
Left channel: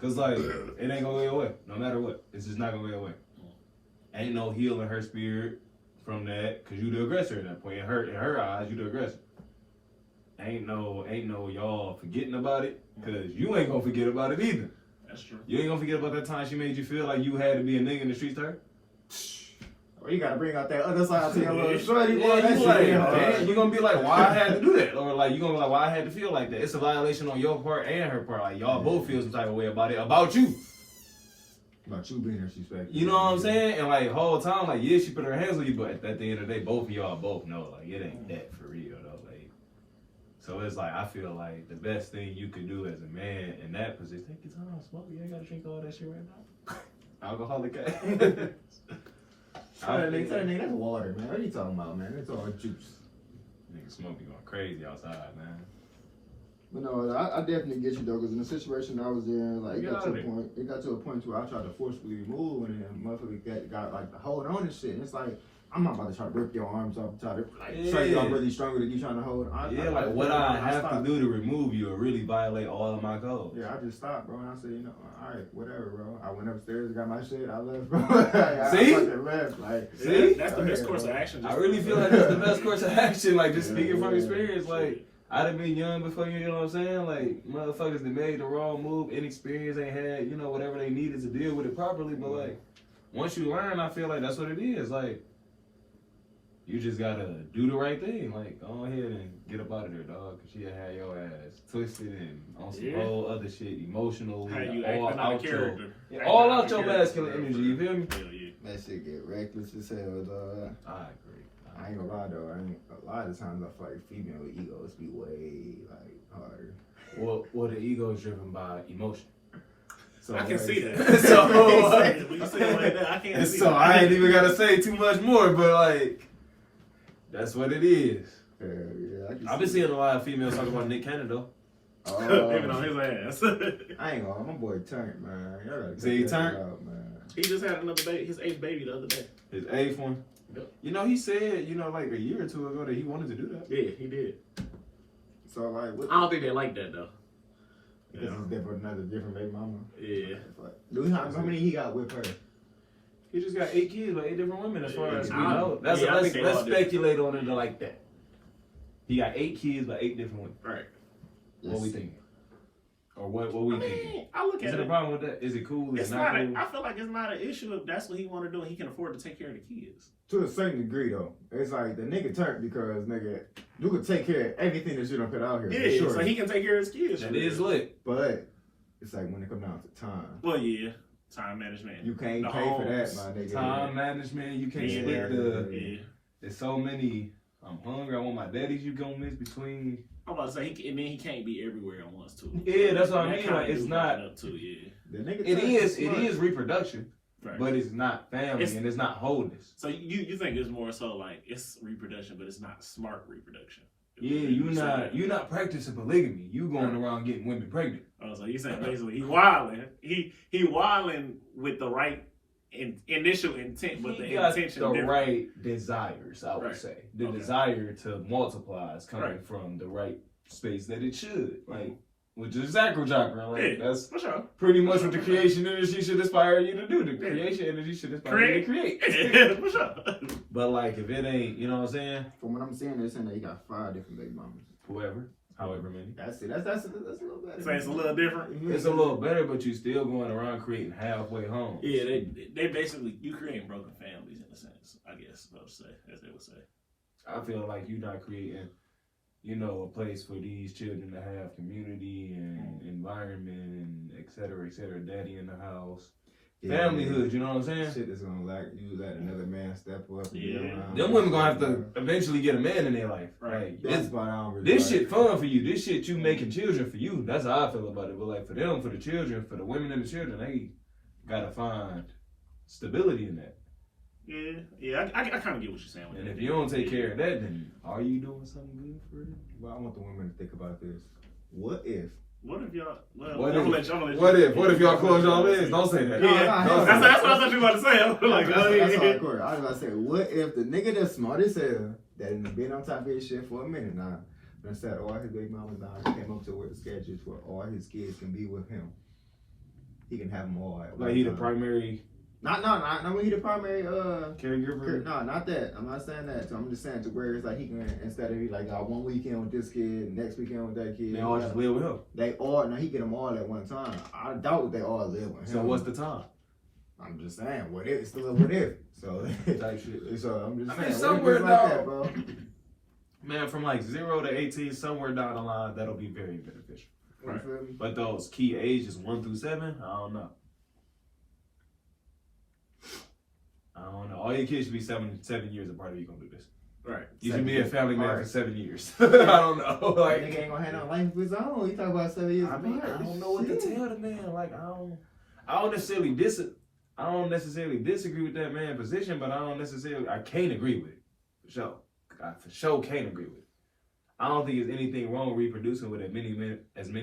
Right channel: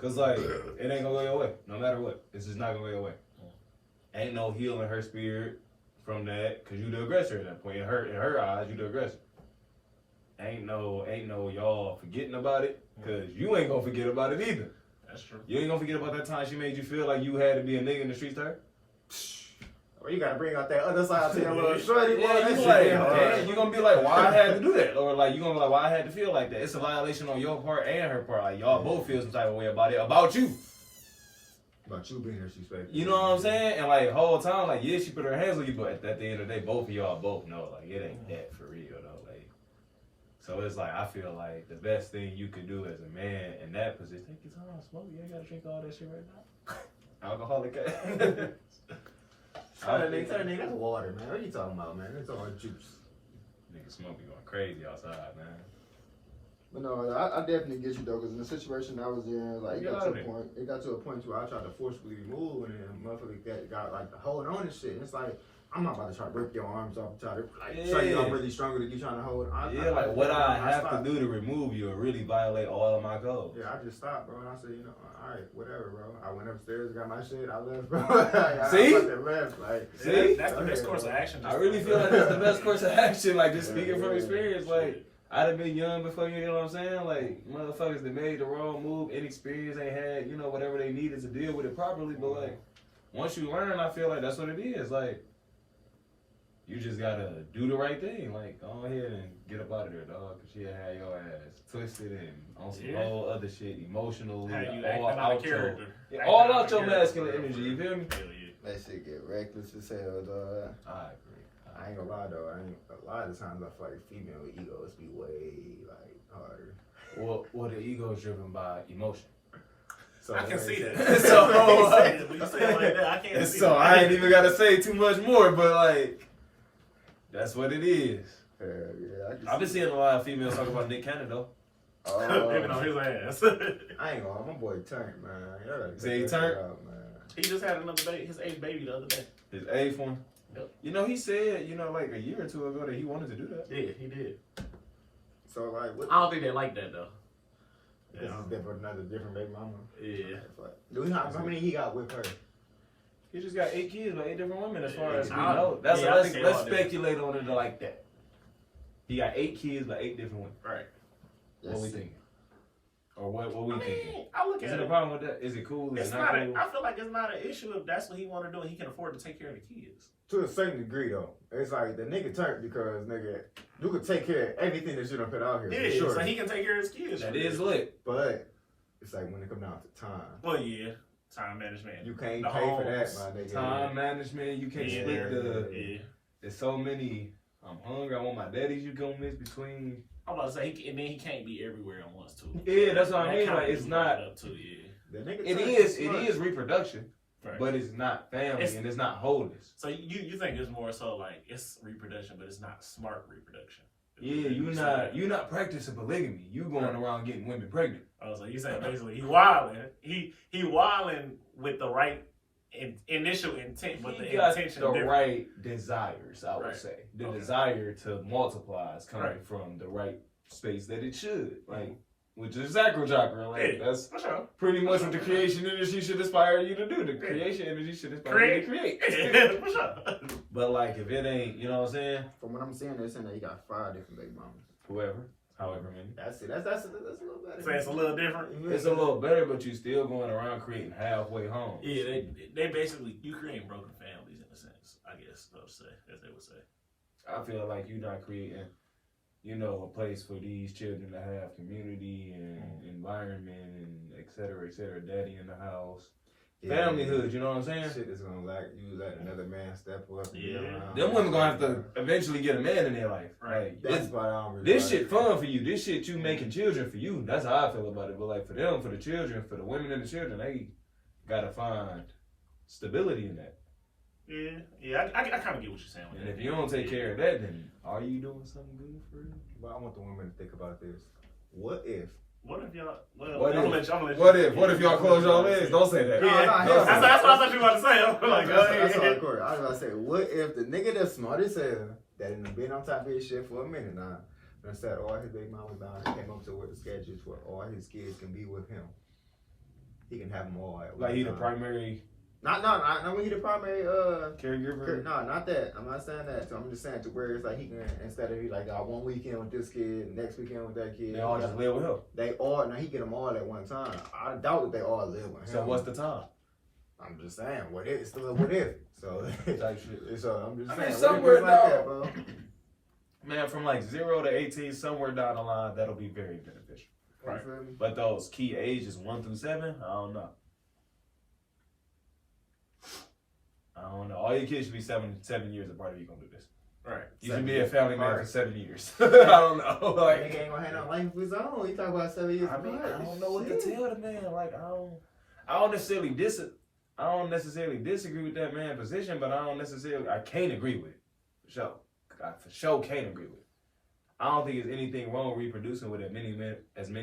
Cause like it ain't gonna go your way, no matter what. It's just not gonna go your way. Ain't no healing her spirit from that, cause you the aggressor at that point. In her eyes, you the aggressor. Ain't no y'all forgetting about it, cause you ain't gonna forget about it either. That's true. You ain't gonna forget about that time she made you feel like you had to be a nigga in the streets to her. Or you gotta bring out that other side to your little shorty. You're gonna be like, why I had to do that? Or like, you're gonna be like, why I had to feel like that? It's a violation on your part and her part. Like, y'all both feel some type of way about it, about you. About you being disrespectful. You know what I'm saying? And like, whole time, like, yeah, she put her hands on you, but at the end of the day, both of y'all both know, like, it ain't that for real, though. Like, so it's like, I feel like the best thing you could do as a man in that position, take your time, smoke. You ain't gotta drink all that shit right now. Alcoholic ass. That's water, man. What are you talking about, man? It's all juice. Nigga smoke be going crazy outside, man. But no, I definitely get you though, because in the situation I was in, like, it got to a point where I tried to forcefully remove, and then motherfucker got like hold on and shit. And it's like, I'm not about to try to rip your arms off, try to show you I'm really stronger than you trying to hold. What I have to do to remove you or really violate all of my codes. Yeah, I just stopped, bro, and I said, all right, whatever, bro. I went upstairs, got my shit, I left, bro. See? I left. Like, see? That's the best course of action. I really feel like that's the best course of action. Like, just speaking from experience, like, I'd have been young before you know what I'm saying? Like, motherfuckers that made the wrong move, inexperience, they had, whatever they needed to deal with it properly. But, like, once you learn, I feel like that's what it is. Like, you just gotta do the right thing. Like, go ahead and get up out of there, dog. Cause she'll have your ass twisted and on some whole other shit, emotionally. All out your masculine energy, you feel me? That shit get reckless as hell, dog. I agree. I ain't gonna lie though. A lot of times I feel like female egos be way like harder. Well, the ego is driven by emotion. So I can see that. When you say it like that, I can't see that. So I ain't even gotta say too much more, but like, that's what it is. I've been seeing a lot of females talk about Nick Cannon though. Picking on his ass. I ain't gonna lie, my boy turned, man. He turned? Out, man. He just had another baby, his 8th baby the other day. His 8th one? Yep. He said, like a year or two ago that he wanted to do that. Yeah, he did. So like, I don't think they like that though. This is another different baby mama. Yeah. How many he got with her? He just got 8 kids by 8 different women as far as we know. Let's speculate on it like that. He got 8 kids by 8 different women. Right. What we thinking? Or what we thinking? I look at Is it a problem with that? Is it cool? It's not cool? I feel like it's not an issue if that's what he want to do and he can afford to take care of the kids. To a certain degree, though. It's like the nigga turned because, nigga, you could take care of everything that you don't put out here. Yeah, sure. So he can take care of his kids. That is lit. But it's like when it comes down to time. Well, yeah. Time management. You can't pay for that, my nigga. Time management. You can't split There's so many. I'm hungry. I want my daddies. You gonna mix between. I'm about to say, and then he can't be everywhere at once too. Yeah, that's what I mean. Like, it's not. Too, It is reproduction, right. But it's not family and it's not wholeness. So you think it's more so like it's reproduction, but it's not smart reproduction. Yeah, you're not practicing polygamy. You going around getting women pregnant. Oh, so you saying basically he wilding. He wilding with the right initial intent, but the intention the right desires. I would say the desire to multiply is coming from the right space that it should. Like which is sacral chakra. Like, that's for sure. pretty much what the creation energy should inspire you to do. The creation energy should inspire you to create. For sure. But like, if it ain't, you know what I'm saying? From what I'm seeing, they're saying that he got 5 different baby mamas. However many. That's it. That's a little better. So it's a little different. It's a little better, but you still going around creating halfway homes. Yeah, they basically, you creating broken families in a sense, I guess, as they would say. I feel like you're not creating, you know, a place for these children to have community and environment and et cetera, daddy in the house. Yeah, familyhood, you know what I'm saying? Shit is gonna you let another man step up. Them women gonna have to eventually get a man in their life. Right. Like, this shit fun for you. This shit you making children for you. That's how I feel about it. But like for them, for the children, for the women and the children, they gotta find stability in that. Yeah, I kind of get what you're saying. And if you don't take care of that, then are you doing something good for them? Well, I want the women to think about this. What if y'all? What if y'all close y'all legs? Don't say that. Yeah, that's what I thought you were about to say. I was like, go ahead. I was about to say, what if the nigga that's smart as hell, that done been on top of his shit for a minute now, done sat all his big mamas down and came up to where the schedule is where all his kids can be with him. He can have them all at like he the primary. Not when he the primary caregiver. No, not that. I'm not saying that. So I'm just saying to where it's like he can, instead of he like got one weekend with this kid, next weekend with that kid. They all just live with him. He get them all at one time. I doubt they all live with him. So what's the time? I'm just saying, what if? It's still a what if. So type shit. So I'm just saying, mean, somewhere like that, bro. Man, from like 0 to 18, somewhere down the line, that'll be very beneficial. Right. But those key ages 1 through 7, I don't know. All your kids should be 7 years apart if you're gonna do this. Right. You should be a family man for 7 years. I don't know. Like, nigga ain't gonna have no life of his own. He talk about 7 years. I mean, I don't know what to tell the man. Like, I don't necessarily disagree with that man's position, but I can't agree with it. For sure. I for sure can't agree with it. I don't think there's anything wrong with reproducing with as many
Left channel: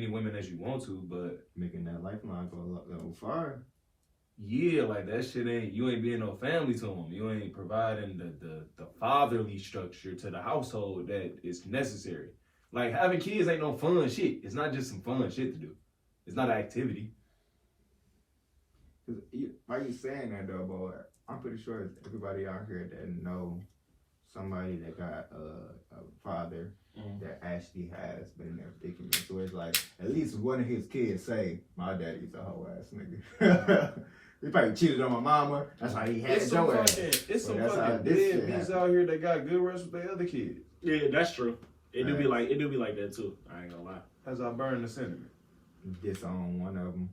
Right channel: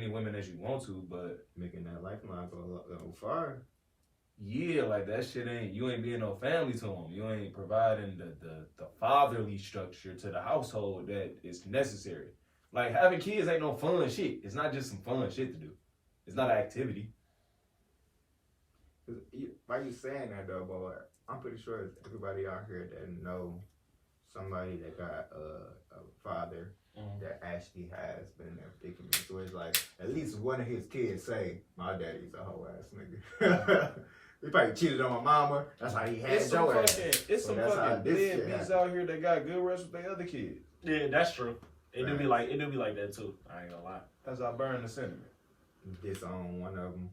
women as you want to, but making that lifeline for far. Yeah, like that shit you ain't being no family to them. You ain't providing the fatherly structure to the household that is necessary. Like having kids ain't no fun shit. It's not just some fun shit to do. It's not an activity. Why you saying that though, boy? I'm pretty sure everybody out here that know somebody that got a father that actually has been in their predicament. So it's like at least one of his kids say, "My daddy's a hoe ass nigga." He probably cheated on my mama. That's how he had It's some fucking deadbeats out here that got good rest with their other kids. Yeah, that's true. It do be like that too. I ain't gonna lie. That's how I burn the sentiment. Disown one of them.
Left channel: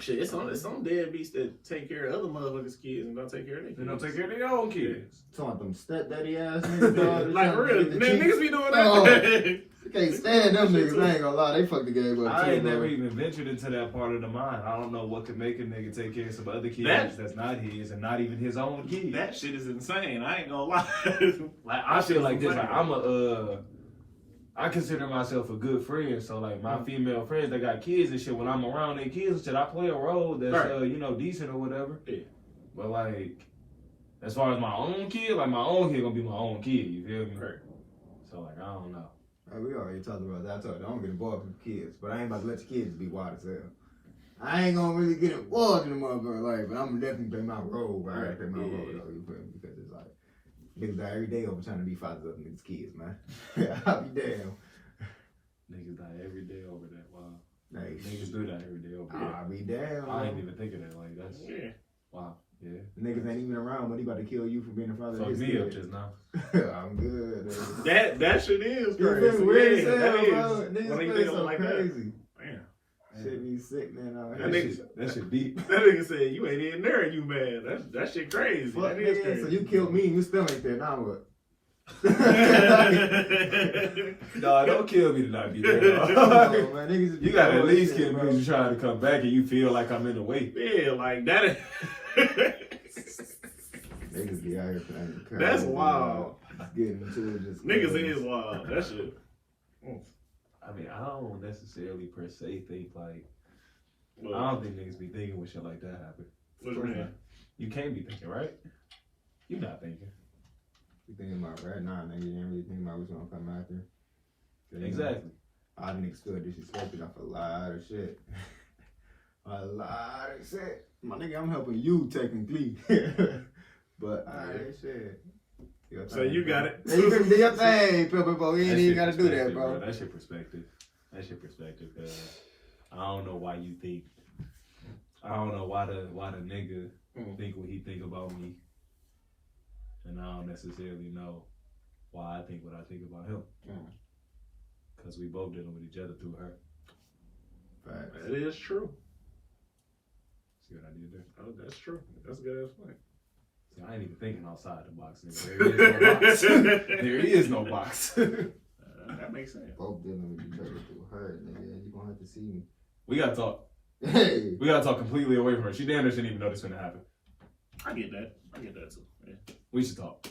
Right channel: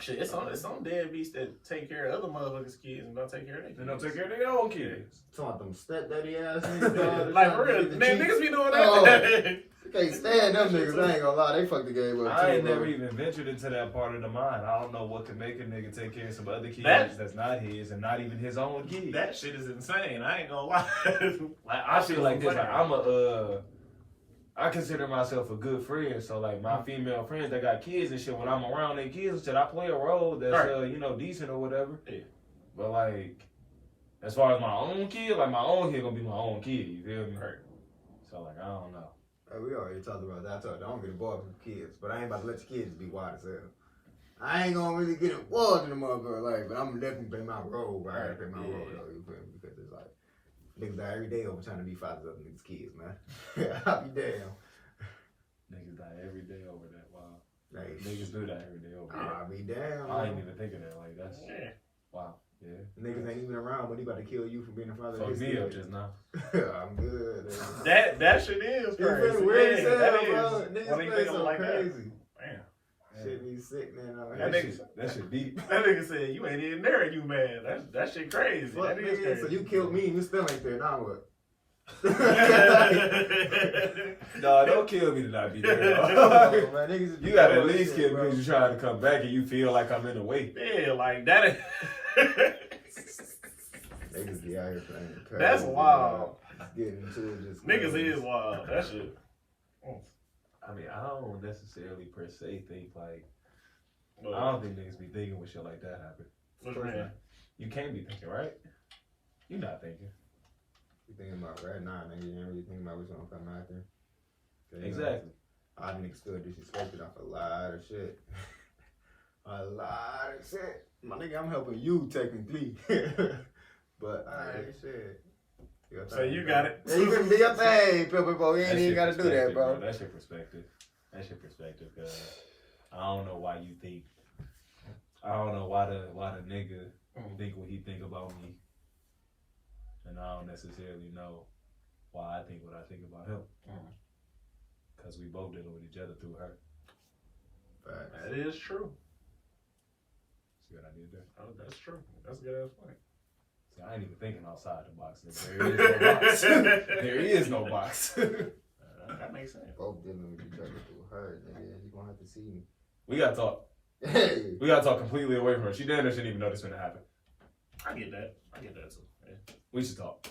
Shit, it's some deadbeats that take care of other motherfuckers' kids and don't take care of their kids. They don't take care of their own kids. Talking about them stepdaddy ass niggas. Like for real, niggas be doing that. You can't stand them niggas. I ain't gonna lie, they fuck the game up. I ain't never even ventured into that part of the mind. I don't know what could make a nigga take care of some other kids that's not his and not even his own kids. That shit is insane. I ain't gonna lie. Like I feel like this. Like, I consider myself a good friend. So like my female friends that got kids and shit, when I'm around their kids and shit, I play a role that's decent or whatever. Yeah. But like as far as my own kid, like my own kid gonna be my own kid. You feel me? Right. So like I don't know. We already talked about that. I told you, I don't get involved with kids, but I ain't about to let the kids be wild as hell. I ain't gonna really get involved in the motherfucker life, but I'm definitely play my role. I gotta play my role, because it's like niggas die every day over trying to be fathers of niggas' kids, man. I'll be damn. Niggas die every day over that. Wow. Like, niggas do that every day over that. I'll be damn. I ain't even thinking that. Like that's wow. Yeah. Niggas ain't even around, but he about to kill you for being a father. Fuck me up just now. I'm good. That shit is crazy. Weird yeah, that is. Niggas when you think of it like crazy. That. Damn. Shit be sick, man. That shit deep. That nigga said you ain't in there and you mad. That shit crazy. Fuck that is crazy. So you killed me and you still ain't there. Now what? No, don't kill me to not be there. You gotta at least kill me when you trying to come back and you feel like I'm in the way. Yeah, like that. Niggas be out here playing crazy. That's wild. Getting into it just niggas is wild. That shit. I mean, I don't necessarily per se think like. I don't think niggas be thinking when shit like that happen. What you mean? You can't be thinking, right? You not thinking. You thinking about right now, nigga. You ain't really thinking about what's gonna come after. Exactly. I niggas feel disrespected off a lot of shit. A lot of shit. My nigga, I'm helping you technically. But shit. So you got it. You can be your thing, people. You ain't even gotta do that, bro. That's your perspective. Cause I don't know why you think. I don't know why the nigga think what he think about me, and I don't necessarily know why I think what I think about him. Cause we both dealing with each other through her. Facts. That is true. See what I did there? Oh, that's true. That's a good ass point. See, I ain't even thinking outside the box. Nigga. There is no box. That makes sense. Both dealing with each other through her, nigga. You gonna have to see me. We gotta talk. Hey. We gotta talk completely away from her. She damn near shouldn't even know this gonna happen. I get that too. Yeah. We should talk.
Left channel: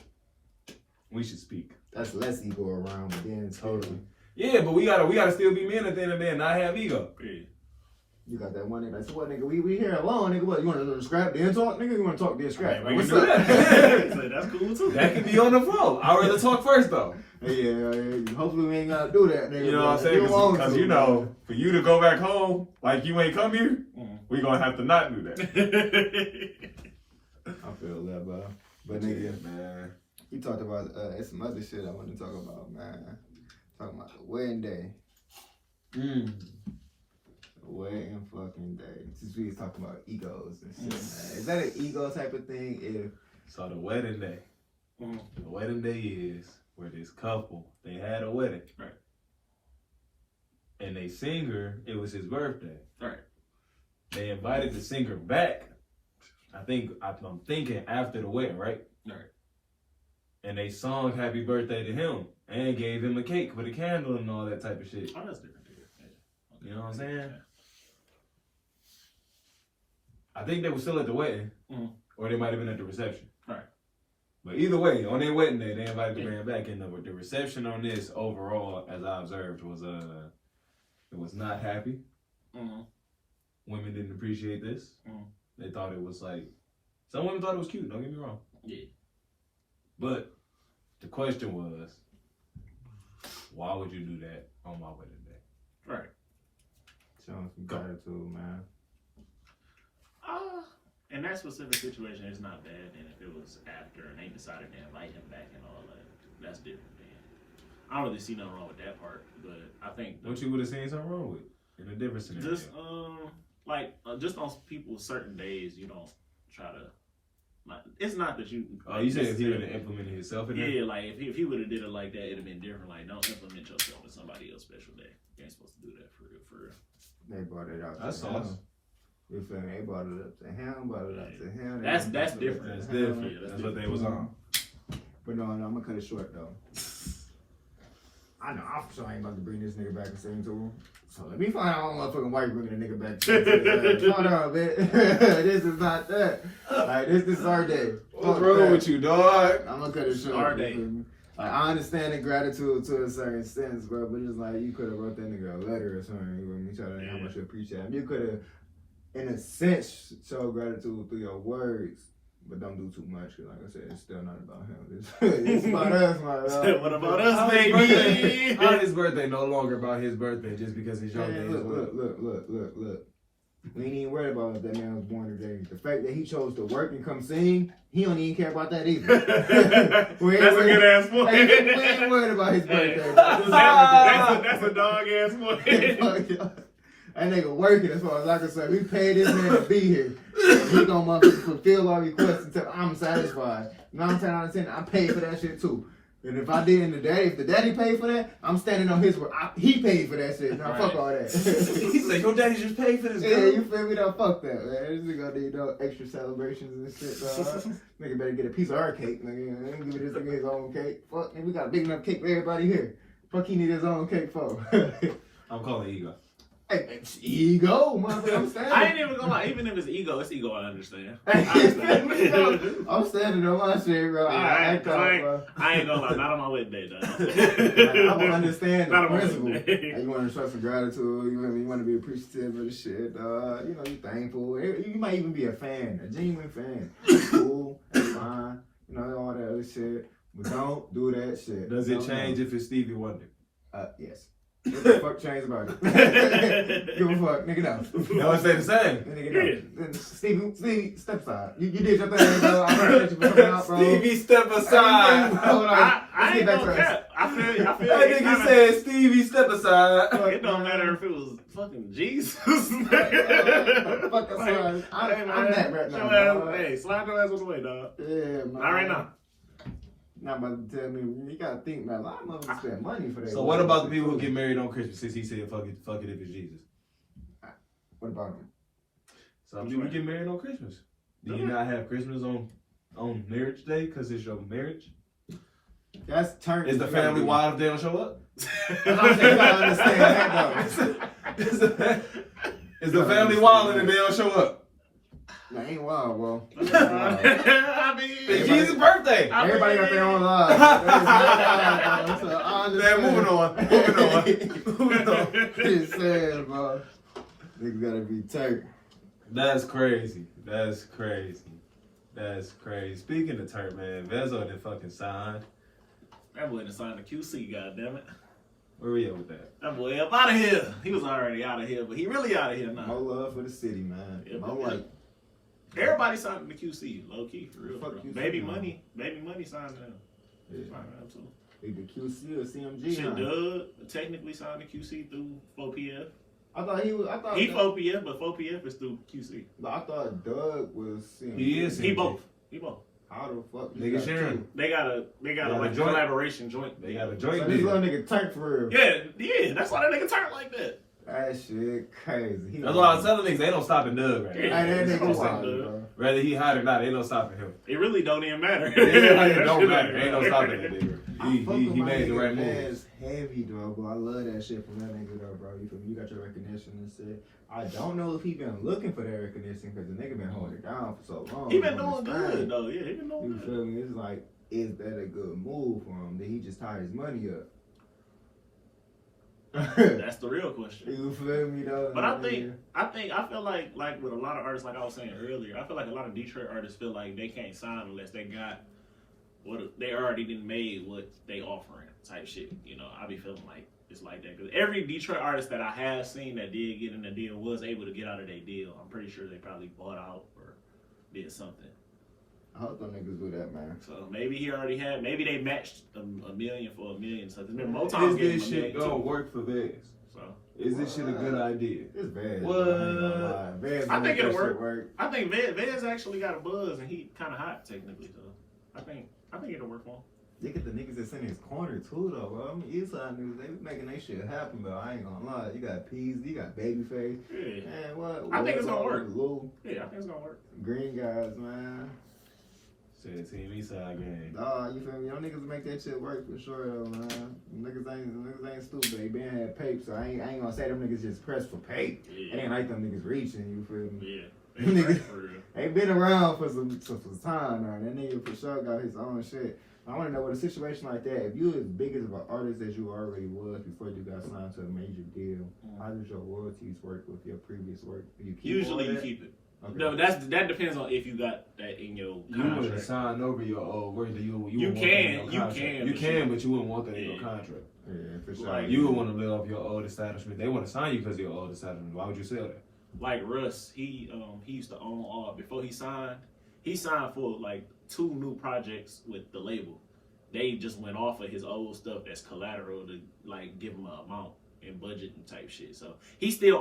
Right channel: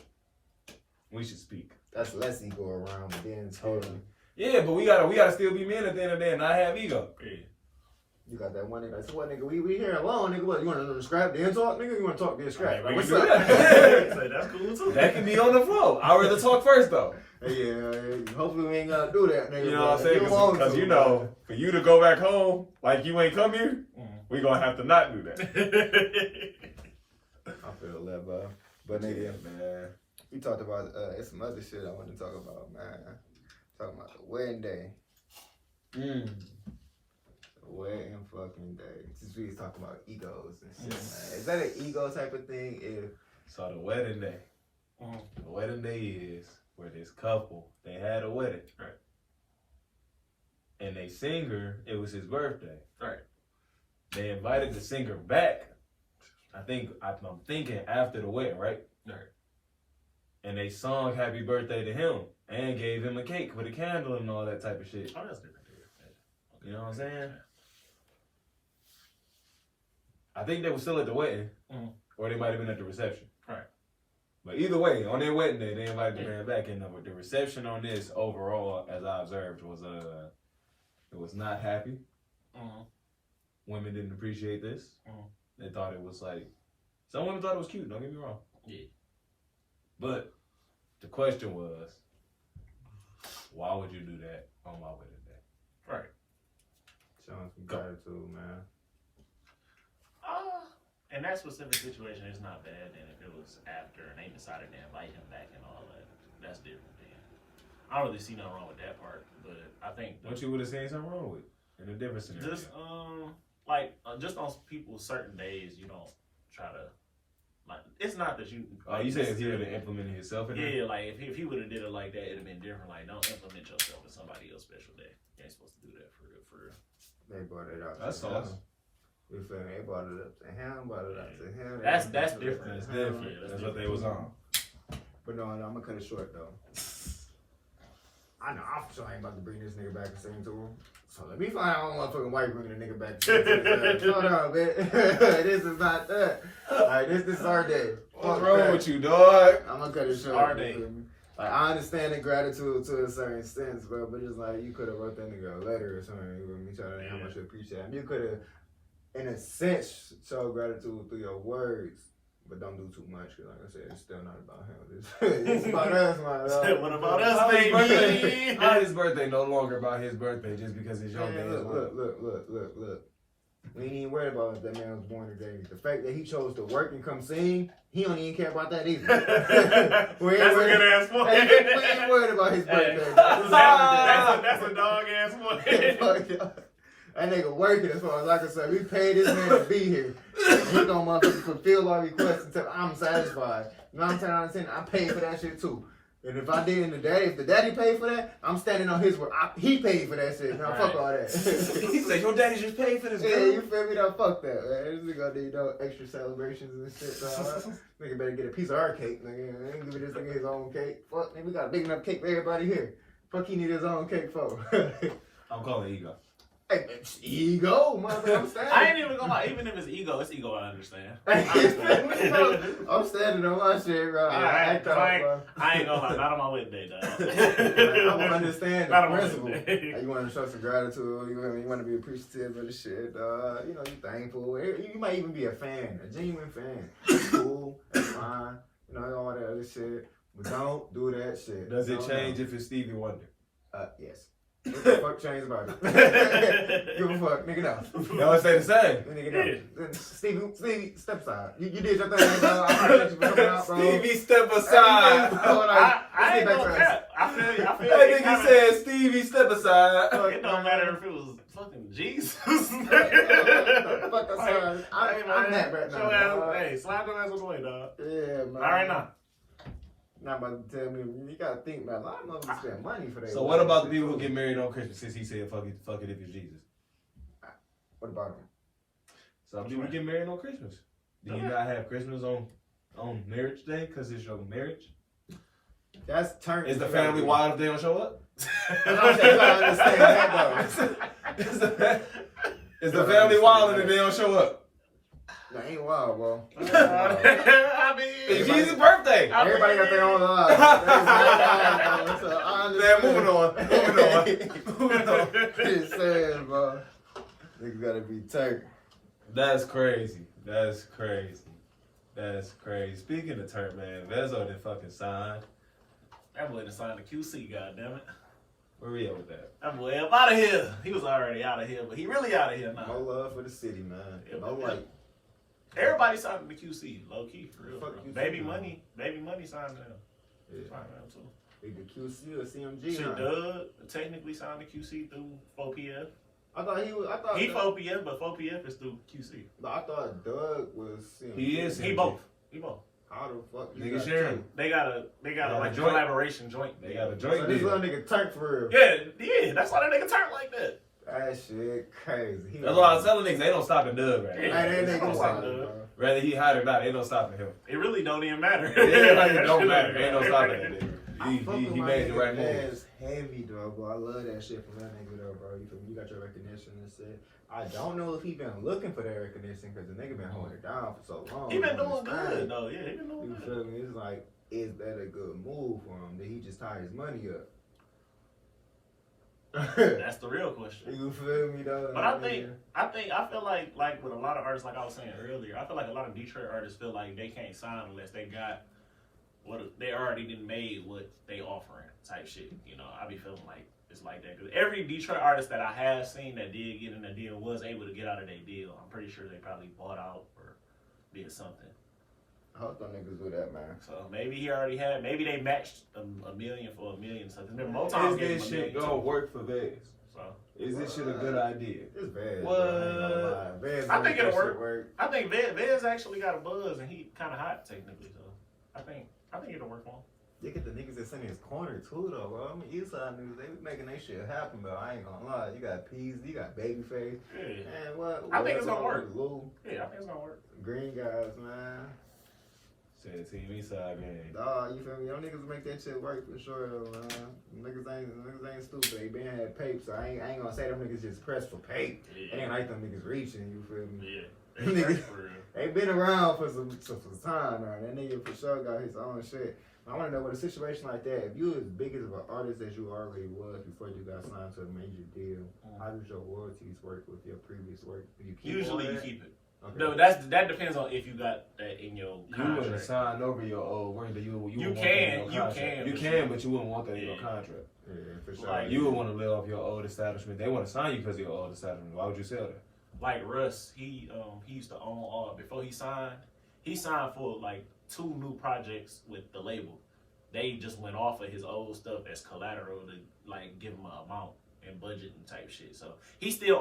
We should speak. That's less ego around again. Totally. Yeah, but we gotta still be men at the end of the day and not have ego. Yeah. You got that one nigga like, so what, nigga, we here alone, nigga, what, you want to scrap, then talk, nigga, you want to talk, then scrap. We can do that. That's cool too. That can be on the flow. I'd rather talk first though. Yeah, hopefully we ain't gotta do that, nigga. You know what I'm saying? Because you know, for you to go back home like you ain't come here, we gonna have to not do that. I feel that, bro. But nigga, man, you talked about some other shit I want to talk about, man. Talking about the wedding day. Wedding fucking day. Since we was talking about egos and shit, man. Is that an ego type of thing? So the wedding day. The wedding day is where this couple, they had a wedding. Right. And they singer, it was his birthday. Right. They invited the singer back. I'm thinking after the wedding, right? Right. And they sung happy birthday to him and gave him a cake with a candle and all that type of shit. Oh, that's different, dude. You know what I'm saying? I think they were still at the wedding, or they might have been at the reception. Right. But either way, on their wedding day, they invited the man back, and the reception on this overall, as I observed, was it was not happy. Women didn't appreciate this. They thought it was like, some women thought it was cute. Don't get me wrong. Yeah. But the question was, why would you do that on my wedding day? Right. Showing some gratitude, man. In that specific situation, it's not bad. And if it was after and they decided to invite him back and all that, that's different. Then I don't really see nothing wrong with that part. But I think what you would have seen something wrong with in a different scenario. Just just on people's certain days, you don't try to. Like, it's not that you. Oh, you said if he would have implemented himself in there? Yeah, like if he would have did it like that, it'd have been different. Like, don't implement yourself in somebody else's special day. You ain't supposed to do that for real. They brought it out. That's awesome. You feel me? They brought it up to him, brought it up to him. That's different. That's different. That's what they was on. But no, I'm gonna cut it short though. I know I'm sure I ain't about to bring this nigga back and sing to him. So let me find out one motherfucking white bringing a nigga back to the hold on, man. This is not that. Alright, this is our day. What's wrong with you, dog? I'm gonna cut it short. Our day. Like, I understand the gratitude to a certain sense, bro, but it's like you could have wrote that nigga a letter or something. You know what I mean? Try to how much you appreciate him. You could have, in a sense, show gratitude through your words, but don't do too much, because like I said, it's still not about him. It's about us, man. What about us, baby? How his birthday no longer about his birthday just because it's your day? Look. We ain't even worried about if that man was born today. The fact that he chose to work and come sing, he don't even care about that either. That's a good ass point. We ain't worried about his birthday. That's a dog ass point. That nigga working as far as I can say. We paid this man to be here. He gonna fulfill our requests until I'm satisfied. 9 times out of 10, I paid for that shit too. And if I did in the day, if the daddy paid for that, I'm standing on his word. He paid for that shit. No, fuck all that. He said, your daddy just paid for this, girl. Yeah, you feel me? No, fuck that, man. This nigga need no extra celebrations and shit, dog. Nigga better get a piece of our cake, nigga. They ain't give this nigga his own cake. Fuck, man, we got a big enough cake for everybody here. Fuck, he need his own cake for. I'm calling it ego. Hey, it's ego, motherfucker. I ain't even gonna lie. Even if it's ego, I understand. I'm standing on my shit, bro. I ain't gonna lie. Not on my wedding day, though. I'm gonna understand Not the on my principle. wedding day. You want to show some gratitude. You want to be appreciative of the shit. You know, you thankful. You might even be a fan, a genuine fan. Cool, that's fine. You know, all that other shit. But don't do that shit. Does it change if it's Stevie Wonder? Yes. What the fuck changed about it? Give a fuck, nigga, no. Y'all stay the same. Nigga, no. Stevie, step aside. You did your thing, bro. I'm gonna let you coming out, bro. Stevie, step aside. I ain't gonna cap. I feel That nigga said, Stevie, step aside. It don't matter if it was fucking Jesus. Fuck aside. I'm that right now. Hey, slide your ass on the way, dog. Yeah, man. Not right now. Not about to tell me. You gotta think, man. A lot of motherfuckers spend money for that. So what about the people who get married on Christmas? Since he said, fuck it if it's Jesus. What about them? Some people get married on Christmas. Do you not have Christmas on marriage day because it's your marriage? That's turn. Is the family wild if they don't show up? I understand that though. Is the family wild if they don't show up? That ain't wild, bro. I mean, It's Jesus' birthday. Everybody got their own lives. Man, moving on. It's sad, bro. Nigga gotta be turned. That's crazy. Speaking of turn, man, Vezo did fucking signed. that boy done signed the QC, goddammit. Where we at with that? That boy up out of here. He was already out of here, but he really out of here now. No love for the city, man. Yeah, No like. Everybody signed the QC, low key, for real. Fuck Bro. QC, Baby man. money signed him. Yeah. Signed him too. Either QC or CMG. Shit, man. Doug technically signed the QC through 4PF. I thought he was. I thought He 4PF, but 4PF is through QC. I thought Doug was CMG. He is. He both. How the fuck? Nigga got sharing. two? They got a like a joint. collaboration joint. They got a So joint this deal. little nigga tank for real. Yeah, that's why that nigga turned like that. That shit crazy. That's why I was telling niggas they don't stop in Doug right Yeah. now. Hey, that nigga Don't wild, stop, dude. bro. Whether he hot or not, ain't no stopping him. It really don't even matter. It don't matter. Ain't no stopping that nigga. I fuck He with my made the nigga right move. That's heavy, though, bro. I love that shit from that nigga, though, bro. You feel me? You got your recognition and shit. I don't know if he been looking for that recognition because the nigga been holding it down for so long. He been doing good though. Yeah, he been doing You good. feel me? It's like, is that a good move for him? Did he just tie his money up? That's the real question. You feel me, though? But I feel like with a lot of artists, like I was saying earlier, I feel like a lot of Detroit artists feel like they can't sign unless they got what they already done made what they offering type shit. You know, I be feeling like it's like that because every Detroit artist that I have seen that did get in the deal was able to get out of their deal. I'm pretty sure they probably bought out or did something. I hope them niggas do that, man. So maybe he already had. Maybe they matched a million for $1 million. So Motown Is gave him this $1 shit million gonna too. work for Vez? So Is this shit a good idea? It's bad. What? I think it'll work. I think Vez actually got a buzz and he kind of hot technically. So I think it'll work for him. Look at the niggas that's in his corner too, though, bro. I mean, Eastside niggas, they making that shit happen, but I ain't gonna lie. You got Peas, you got Babyface. Yeah. Man, what? I think it's gonna work. Lou, Yeah, I think it's gonna work. Green guys, man. Said TV side game. You feel me? Y'all niggas make that shit work for sure, though, man. Niggas ain't stupid. They been had pape, so I ain't gonna say them niggas just pressed for pape. Yeah. It ain't like them niggas reaching, you feel me? Yeah. Niggas For real. ain't been around for some time, man. That nigga for sure got his own shit. I want to know, with a situation like that, if you as big as an artist as you already was before you got signed to a major deal, how does your royalties work with your previous work? Do you keep Usually all you that? keep it. Okay. No, that depends on if you got that in your You wouldn't contract. sign over your old work. You You wouldn't want that in can, your you contract. can, You but can, but you wouldn't want that in your Yeah. contract. Yeah, for sure. Like, You would want to live off your old establishment. They want to sign you because of your old establishment. Why would you sell that? Like Russ, he used to own all. Before he signed for like 2 new projects with the label. They just went off of his old stuff as collateral to like give him an amount and budget and type shit. So he's still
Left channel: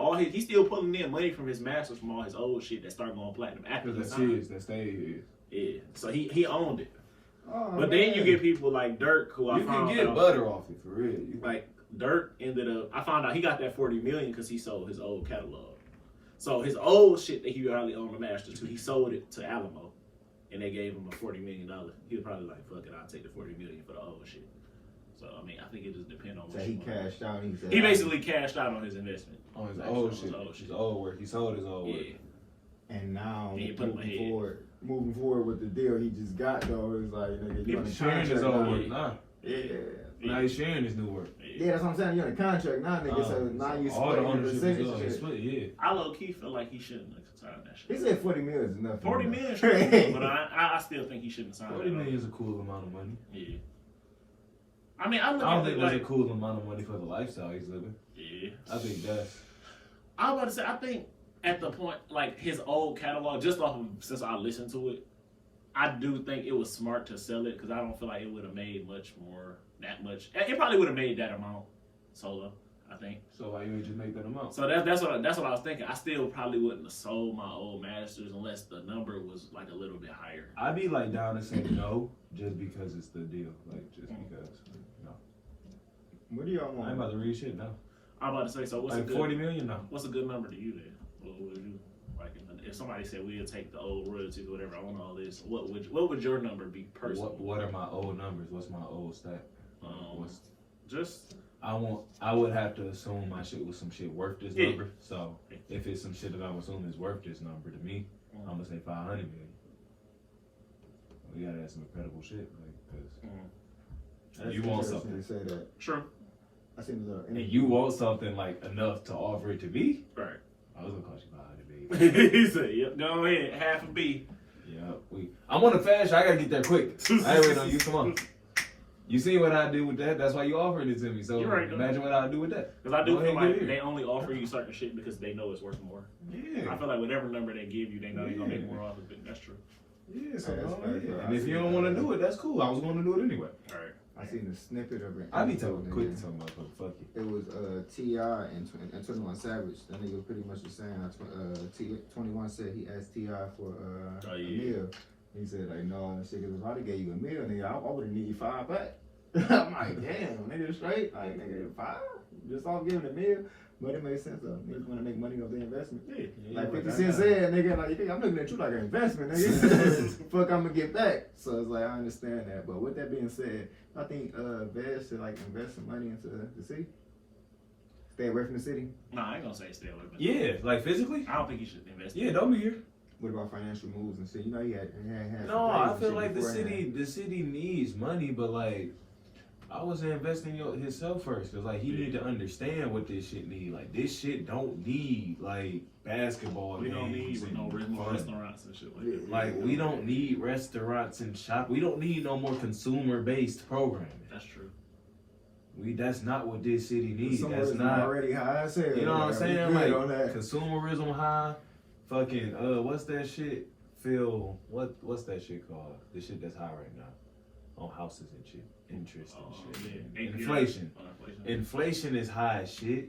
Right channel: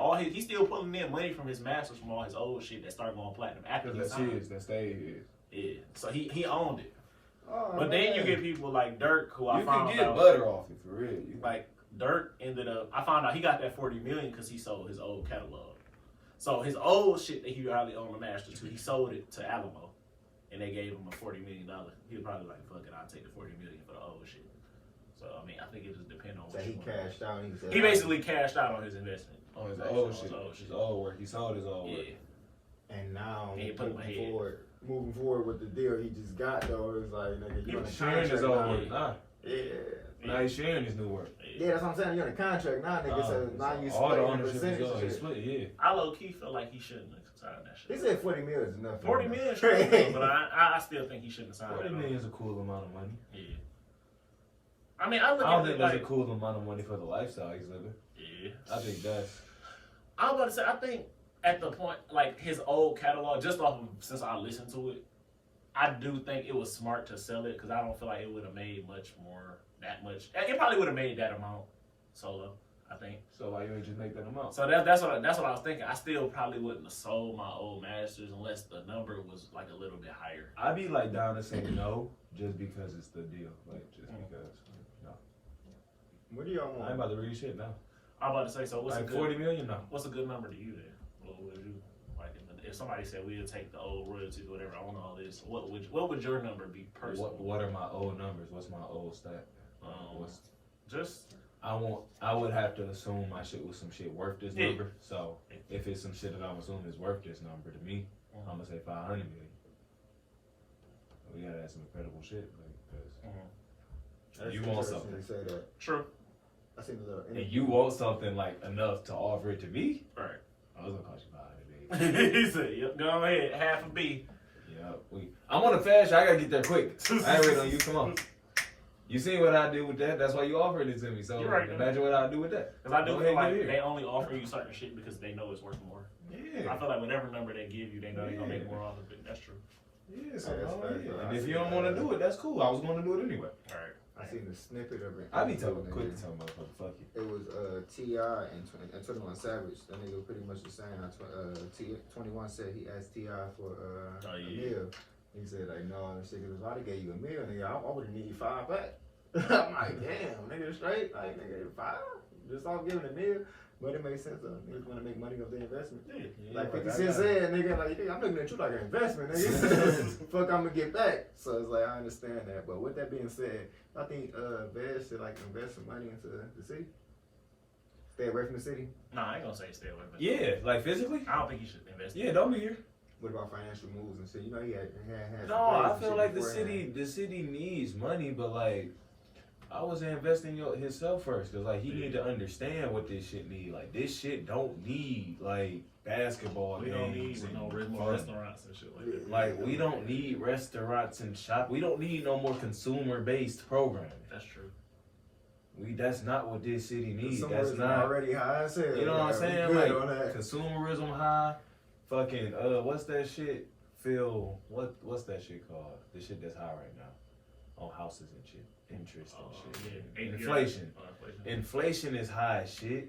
pulling in money from his masters from all his old shit that started going platinum after he Because that's signed. his. That stayed his. Yeah. So he owned it. Oh, But then you okay. get people like Dirk, who I You found can get out butter off it for real. like Dirk ended up. I found out he got that $40 million because he sold his old catalog. So his old shit that he probably owned the masters to, he sold it to Alamo, and they gave him a $40 million. He was probably like, "Fuck it, I'll take the $40 million for the old shit." So I mean, I think it just depends on So what he you want. cashed out. And he said, He basically cashed out on his investment. On his Like, old on shit. his old His old work. He sold his old work. Yeah. And now, He put him ahead. moving forward with the deal he just got, though, it's like, nigga, you on the He's sharing his contract old now. work. Nah. Yeah. Now he's sharing his new work. Yeah, that's what I'm saying. You're on a contract now, nigga. So now you all the splitting ownership is percentage on. and He's shit. split, yeah. I low key feel like he shouldn't have signed that He shit. said 40 mil is enough. 40 million, sure, but I still think he shouldn't have signed 40 it. million is a cool amount of money. Yeah. I mean, I don't think that's a cool amount of money for the lifestyle he's living. Yeah. I think that's. I was about to say, I think at the point, like his old catalog, just off of since I listened to it, I do think it was smart to sell it because I don't feel like it would have made that much. It probably would have made that amount solo, I think. So why you ain't just make that amount? So that's what I was thinking. I still probably wouldn't have sold my old masters unless the number was like a little bit higher. I'd be like down to say no just because it's the deal, like just because. No. What do y'all want? I ain't about to read shit now. I'm about to say, so what's like a good, 40 million now? What's a good number to you then? What would you like? If somebody said we'll take the old royalties or whatever, I want all this. What would your number be personally? What are my old numbers? What's my old stat? Just I would have to assume my shit was some shit worth this number. So if it's some shit that I'm assuming is worth this number to me, I'm gonna say 500 million. We gotta have some incredible shit, like, cause you want something. Say that. True. I seen a little. And you want something like enough to offer it to me? Right. I was gonna cost you 500 million. He said, "Yep, go ahead, half a B." Yeah, I'm on a fast. I gotta get there quick. I ain't waiting on you. Come on. You see what I do with that? That's why you offered it to me. So right, imagine what I do with that. Because I do feel like they only offer you certain shit because they know it's worth more. Yeah. I feel like whatever number they give you, they know they're gonna make more off of it. That's true. Yeah. So and if you don't want to do it, that's cool. I was going to do it anyway. All right. I seen a snippet of it. I be quick to talk about fuck you. It was T.I. and 21 Savage. That nigga was pretty much the same. 21 said he asked T.I. for a meal. He said like, no, shit, if I gave you a meal, nigga, I would have needed 5 back. I'm like, damn, nigga, straight, like, nigga, 5? Just off giving a meal. But it made sense though. Niggas want to make money off the investment. Yeah, like 50 Cent said, nigga, like, I'm looking at you like an investment, nigga. Fuck, I'm gonna get back. So it's like, I understand that. But with that being said, I think Vaz should like invest some money into the city. Stay away from the city. Nah, I ain't gonna say stay away from Yeah, like physically? I don't think you should invest. Yeah, don't be here. What about financial moves and shit? You know, he had no, I feel like the city needs money, but like, I was investing in himself first, cause like he need to understand what this shit need. Like this shit don't need like basketball. We don't games need no restaurants and shit like that. Like we don't need restaurants and shop. We don't need no more consumer based programming. That's true. That's not what this city needs. That's not already high as hell. You know what I'm saying? Like consumerism high. Fucking what's that shit? What's that shit called? The shit that's high right now on houses and shit. Interest and shit. Yeah. Inflation. Inflation is high as shit.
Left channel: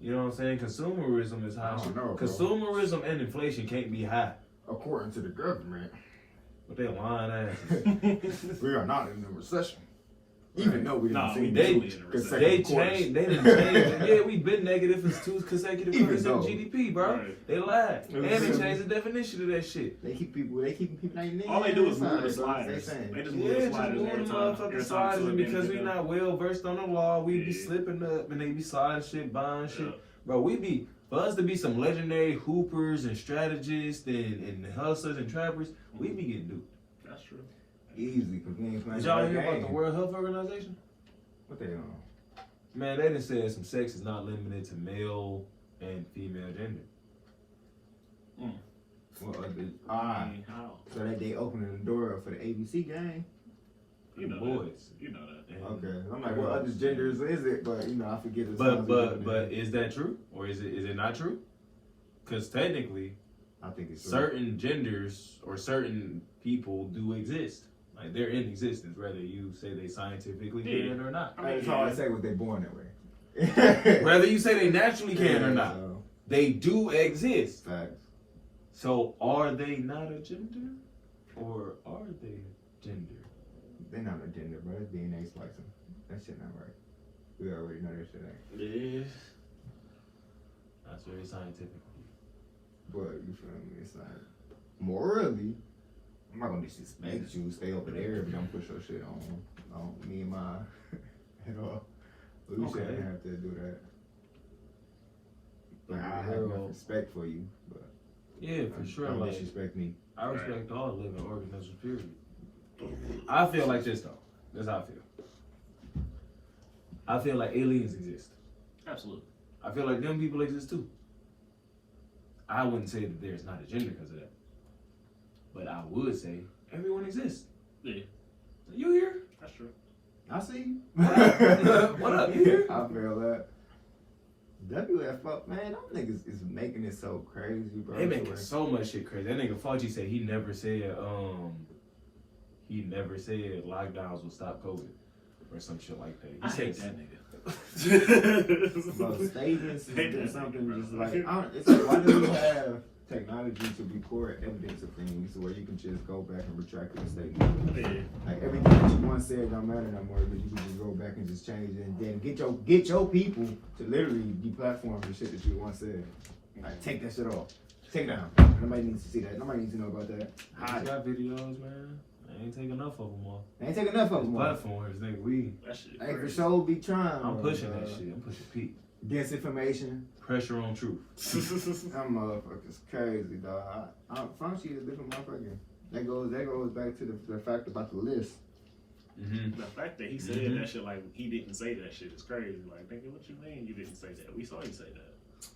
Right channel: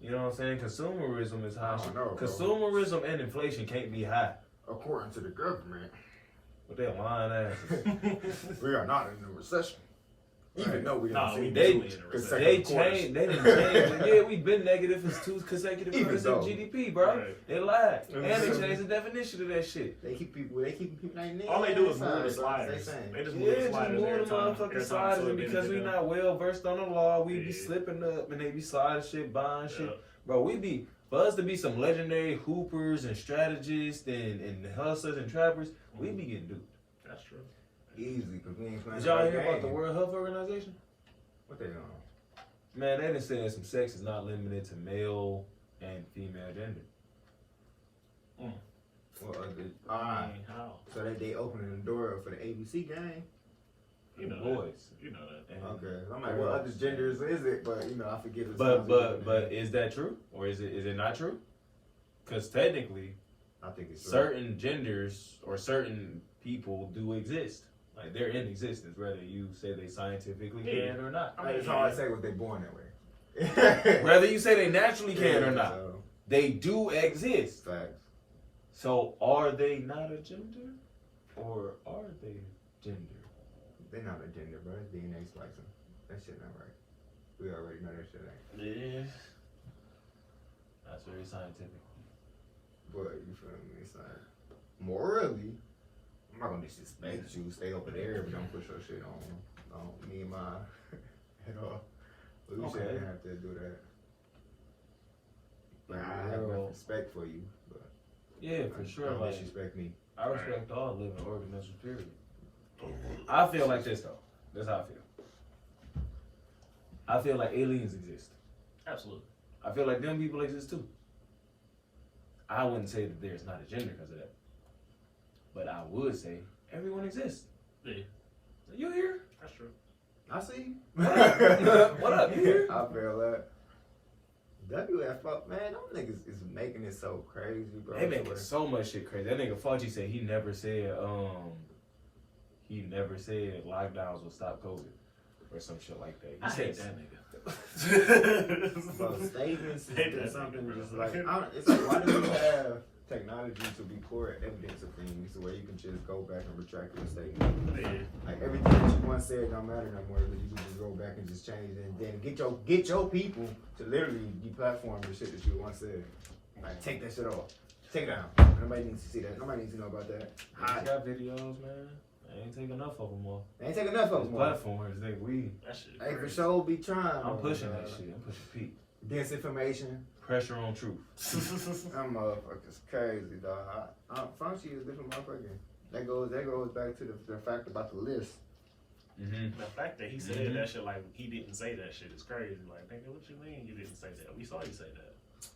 You know what I'm saying? Consumerism is high. Consumerism and inflation can't be high. According to the government. But they lying ass. We are not in a recession. Even though we they changed. They didn't change. Yeah, we've been negative for 2 consecutive quarters in GDP, bro. Right. They lied, and they changed the definition of that shit. They keeping people. All they do is move the sliders. They just move the sliders every time. Motherfucking sliders, and because we not well versed on the law, we be slipping up, and they be sliding shit, buying shit, bro. For us to be some legendary hoopers and strategists and hustlers and trappers, we be getting duped. That's true. Easy, because we ain't playing. Did y'all hear about the World Health Organization? What they on? Man, they done said some sex is not limited to male and female gender. How? So that they opening the door for the ABC game. You know boys. You know that. And okay, I'm like, what other genders is it? But you know, I forget. But is that true or is it not true? Because technically, I think it's certain genders or certain people do exist. Like they're in existence, whether you say they scientifically can or not. I mean, it's hard to say what they're born that way. Whether you say they naturally can or not, they do exist. Facts. So are they not a gender, or are they a gender? They're not a gender, bro. It's DNA splicing. That shit not right. We already know that shit ain't. Yeah. That's very scientific. But you feel me? It's like morally. I'm not gonna disrespect you. Stay over there, but don't push your shit on me and my, you know. We shouldn't have to do that. But I have enough respect for you. But yeah, for sure. Don't disrespect me. I respect all living organisms. Period. I feel like this though. That's how I feel. I feel like aliens exist. Absolutely. I feel like them people exist too. I wouldn't say that there's not a gender because of that. But I would say everyone exists. Yeah. You here? That's true. I see you. What up? You here? I feel that. WFO, man, them niggas is making it so crazy, bro. They making so much shit crazy. That nigga Fauci said he never said lockdowns will stop COVID or some shit like that. I hate that nigga. Bro, statements or something just like, it's like, why do we have technology to record evidence of things where you can just go back and retract your statement? Yeah. Like everything that you once said don't matter no more, but you can just go back and just change it and then get your people to literally deplatform the shit that you once said. Like take that shit off. Take it down. Nobody needs to see that. Nobody needs to know about that. I got videos, man. I ain't take enough of them all. They ain't take enough of them. Platforms, nigga, we. That shit. Hey, for sure, be trying. I'm pushing that shit. I'm pushing peak. Disinformation. Pressure on truth. That motherfucker's crazy, dog. Fauci is a different motherfucker. That goes back to the fact about the list. Mm-hmm. The fact that he said that shit like he didn't say that shit is crazy. Like, nigga, what you mean you didn't say that? We saw you say that.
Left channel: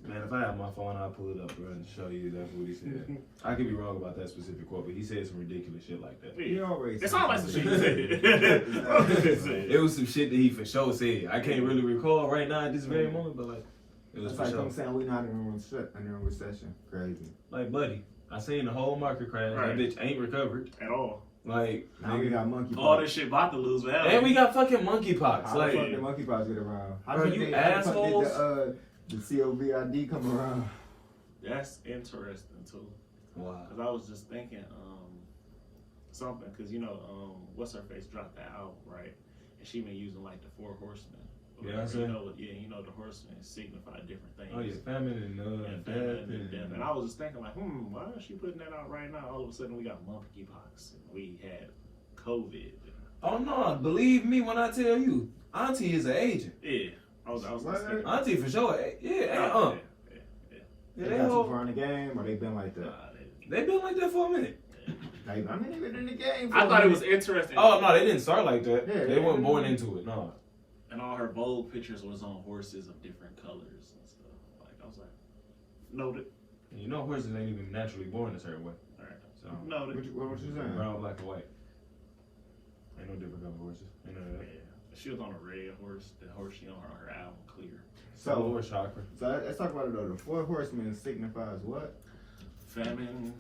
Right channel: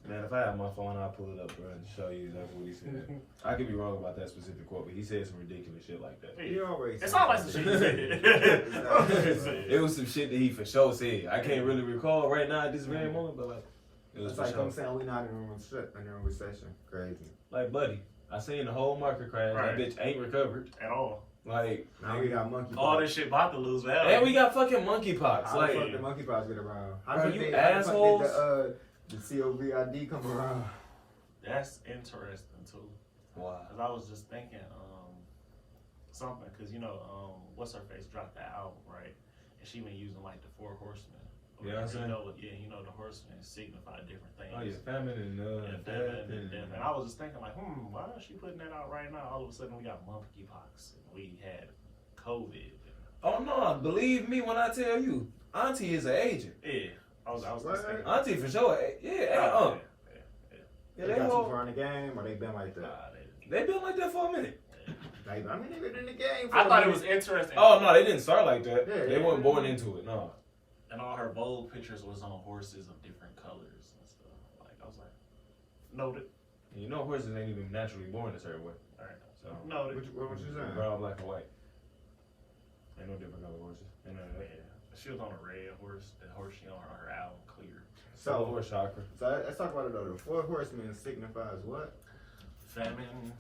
Man, if I have my phone, I'll pull it up, bro, and show you exactly what he said. I could be wrong about that specific quote, but he said some ridiculous shit like that. He always. It's all like some shit he said. It was some shit that he for sure said. I can't really recall right now at this very moment, but like, it was It's for like sure. I'm saying we not in a recession. Crazy. Like, buddy, I seen the whole market crash. Right. That bitch ain't recovered. At all. Like, Now we got monkeypox. All this shit about to lose value. and we got fucking monkeypox. How Like, the fuck did monkeypox get around? How Bro, did you how the fuck assholes. did the COVID come around? That's interesting too. wow. Cause I was just thinking something. Cause you know what's her face dropped that album, right? And she been using like the 4 horsemen. Yeah, you know the horsemen signify different things. Oh yeah, famine and famine and death. death. And I was just thinking like, why is she putting that out right now? All of a sudden we got monkeypox and we had COVID. Oh no, believe me when I tell you, Auntie is an agent. Yeah, I was just thinking. Auntie for sure. Yeah, They they got too all, far in the game, or they been like that? they been like that for a minute. Like, I mean, they been in the game. I thought it was interesting. Oh no, they didn't start like that. Yeah, they weren't born into it. No. And all her bold pictures was on horses of different colors and stuff. Like I was like, noted. You know, horses ain't even naturally born a certain way. All right. So Noted. What you saying? brown, black, and white. Ain't no different color horses. Ain't none of that. Yeah. She was on a red horse. The horse she on her album, Clear. So, Lower chakra. so let's talk about it though. The 4 horsemen signifies what? Famine,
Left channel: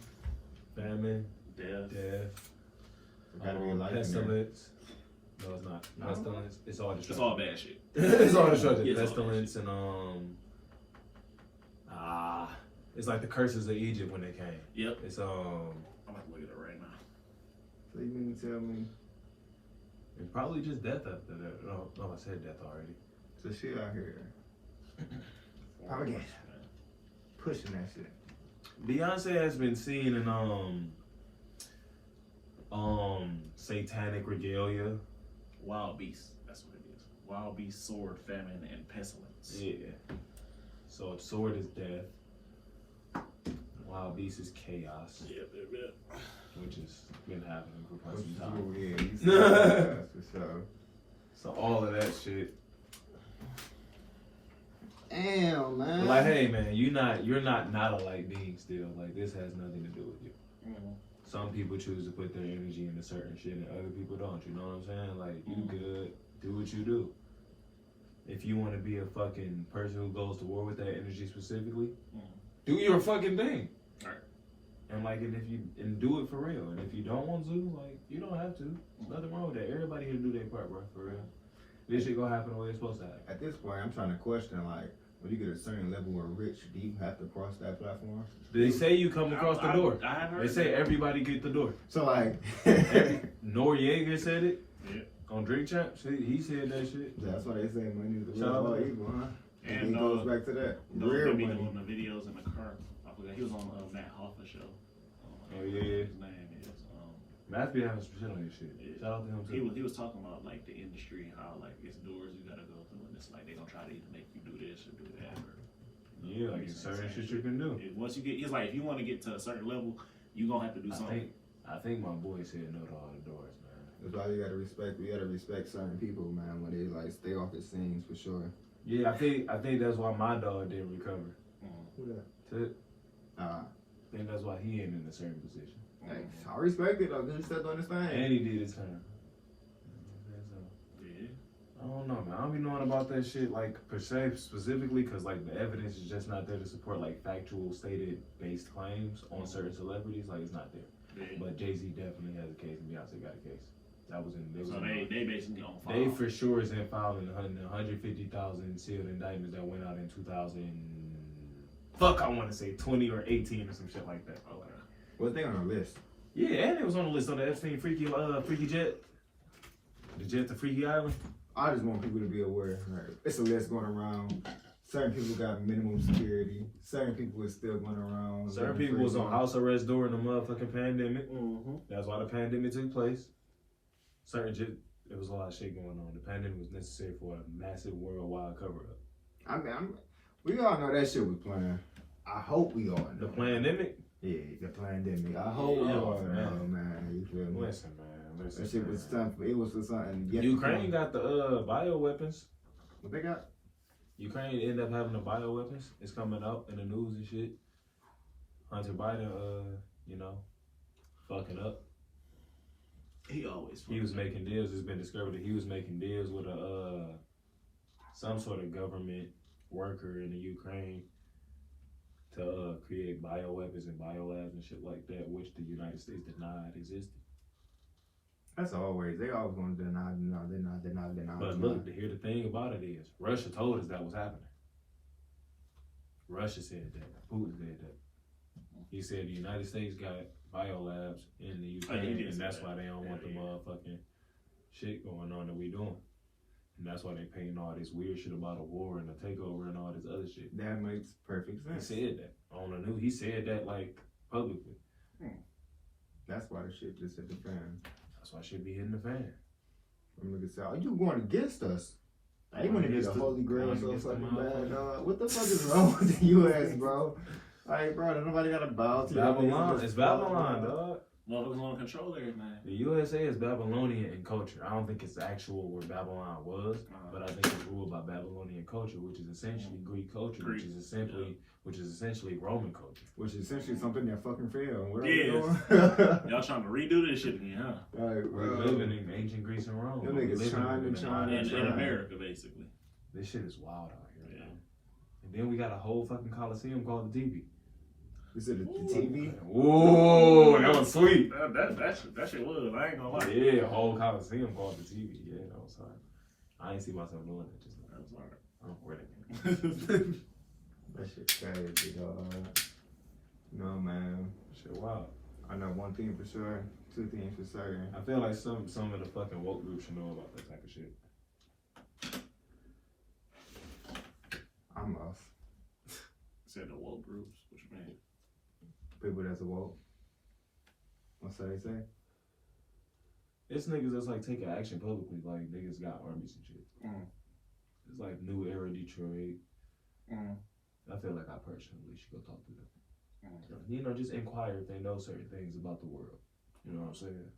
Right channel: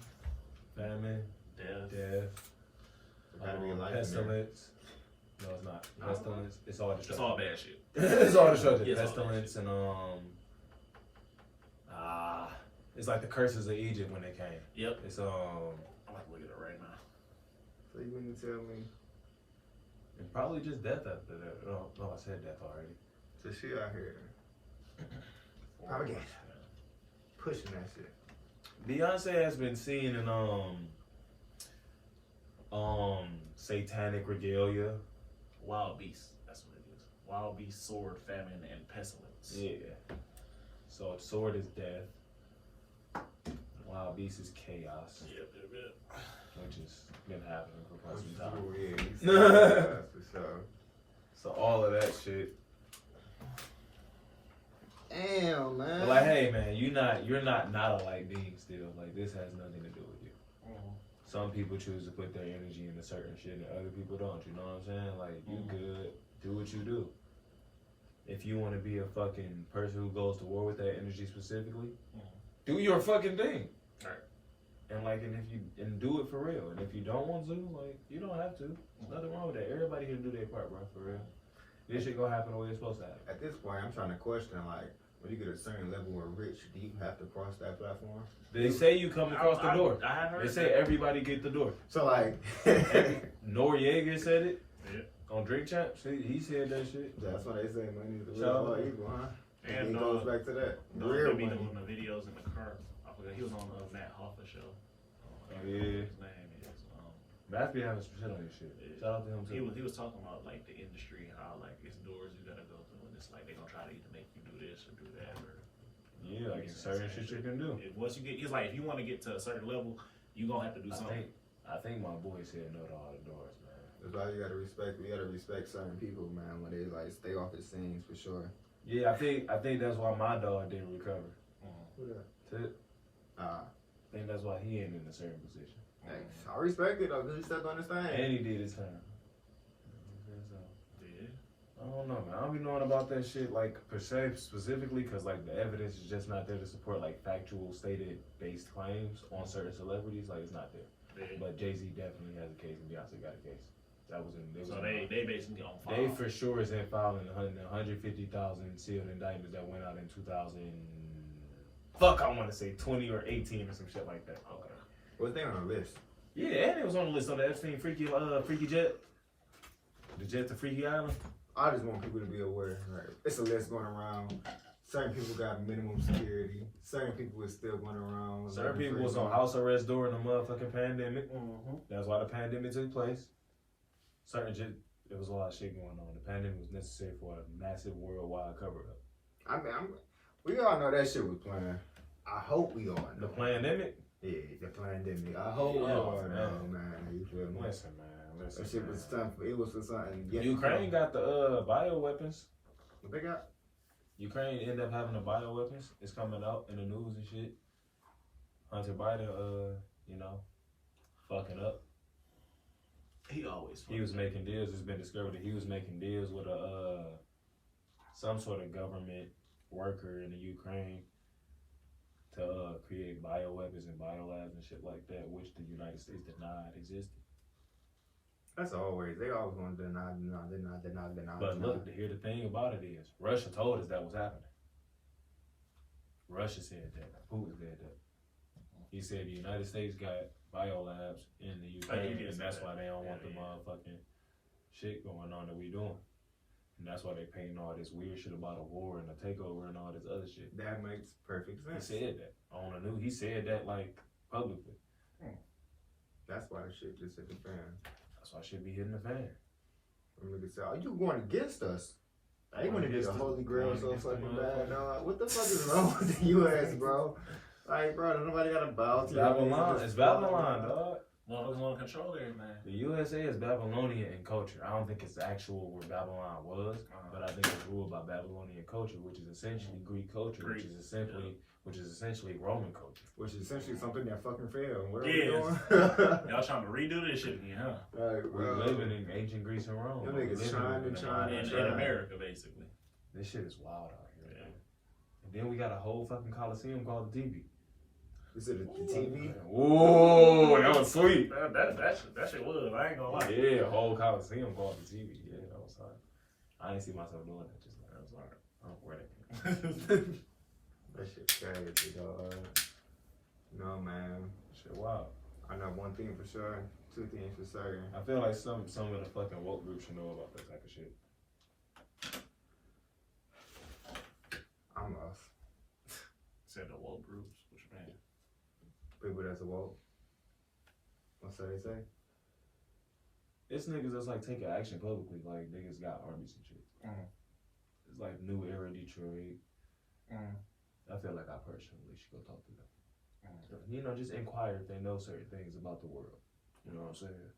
Famine, death. Gotta be a life in there. pestilence. No, it's not. No? Pestilence. It's all destruction. It's all bad shit. It's all destruction. Yeah, it's all Pestilence and it's like the curses of Egypt when they came. Yep. It's I'm about to look at it right now. So you mean to tell me it's probably just death after that. No, I said death already. the shit out here propaganda, pushing that shit? Beyonce has been seen in satanic regalia. Wild beast. That's what it is. Wild beast, sword, famine, and pestilence. Yeah. So sword is death. Wild beast is chaos, Yep. which has been happening for quite some time. Yeah, that's for sure. So all of that shit. Damn, man. But like, hey man, you're not a light being still. Like this has nothing to do with you. Mm-hmm. Some people choose to put their energy into certain shit and other people don't. You know what I'm saying? Like you good, do what you do. If you want to be a fucking person who goes to war with that energy specifically, do your fucking thing. Right. And like, and if you do it for real, and if you don't want to, like, you don't have to. There's nothing wrong with that. Everybody can do their part, bro. For real. This shit gonna happen the way it's supposed to happen. At this point, I'm trying to question, like, when you get a certain level of rich, do you have to cross that platform? They say you come across the door. I heard They say everybody get the door. So, like, Noriega said it. Yeah. On Drink Champs, he said that shit. that's why they say money is the Shout out root of all to evil, huh? And he goes back to that. they Real be money. doing the videos in the car. I forgot he was on Matt Hoffa show. Oh yeah. His name is. Matt be having some shit on his shit. Shout out to him too. He was talking about like the industry, how like it's doors you gotta go through, and it's like they're gonna try to either make you do this or do that. Or, Yeah, like certain shit you can do. once you get, it's like if you want to get to a certain level, you gonna have to do something. I think my boy said no to all the doors, man. That's why you gotta respect. We gotta respect certain people, man. When they like stay off the scenes for sure. Yeah, I think that's why my dog didn't recover. Who that? Tip. I I think that's why he ain't in a certain position. Hey, I respect it though, cause he stepped on his thing. And he did his time. So, Yeah. I don't know, man. I don't be knowing about that shit, like, per se, specifically, because, like, the evidence is just not there to support, like, factual, stated-based claims on certain celebrities. Like, it's not there. Yeah. But Jay-Z definitely has a case, and Beyonce got a case. That was in. They basically on file. They for sure is in filing the 150,000 sealed indictments that went out in 2000. Fuck, I want to say 20 or 18 or some shit like that. Okay. Was they on the list? Yeah, and it was on the list on the Epstein freaky jet. The jet to Freaky Island. I just want people to be aware. Right? It's a list going around. Certain people got minimum security. Certain people is still going around. Certain people was on house arrest during the motherfucking pandemic. Mm-hmm. That's why the pandemic took place. There was a lot of shit going on. The pandemic was necessary for a massive worldwide cover-up. I mean, we all know that shit was playing. I hope we all know. The pandemic? Yeah, the pandemic. I hope we all know, man. You feel me? Listen, man. That shit was something. It was for something. Ukraine got the bioweapons. What they got? Ukraine ended up having the bioweapons. It's coming out in the news and shit. Hunter Biden, fucking up. He was making deals. It's been discovered that he was making deals with some sort of government worker in the Ukraine to create bioweapons and biolabs and shit like that, which the United States denied existed. That's always. They always want to deny. But look, here the thing about it is, Russia told us that was happening. Russia said that. Putin said that. He said the United States got biolabs in the Ukraine, and that's why they don't want the motherfucking shit going on that we doing. And that's why they painting all this weird shit about a war and a takeover and all this other shit. That makes perfect sense. He said that on the news. He said that like publicly. That's why the shit just hit the fan. That's why shit be hitting the fan. Niggas say, "Are you going against us?" I ain't gonna get the Holy Grail so fucking bad. No, what the fuck is wrong with the U.S., bro? Like, bro, nobody got a bow to Babylon. It's Babylon, dog. Motherfuckers want to control everything. The USA is Babylonian in culture. I don't think it's actual where Babylon was, but I think it's ruled by Babylonian culture, which is essentially Greek culture, which is essentially Roman culture, which is essentially something that fucking failed. What y'all trying to redo this shit again, huh? We're living in ancient Greece and Rome. In America, basically. This shit is wild out here, man. And then we got a whole fucking coliseum called the TV. Is it the TV? Whoa, that was sweet. That shit was. I ain't gonna lie. Yeah, a whole coliseum called the TV. Yeah, that was fine. I didn't see myself doing that just now. That was alright. I'm ready. That shit crazy, dog. No, man. Shit wild. I know one thing for sure. Two things for certain. I feel like some of the fucking woke groups should know about that type of shit. I'm lost. Said the woke groups. Which man? People that's woke. What's that they say? It's niggas that's like taking action publicly. Like niggas got armies and shit. It's like New Era Detroit. I feel like I personally should go talk to them. Just inquire if they know certain things about the world. You know what I'm saying?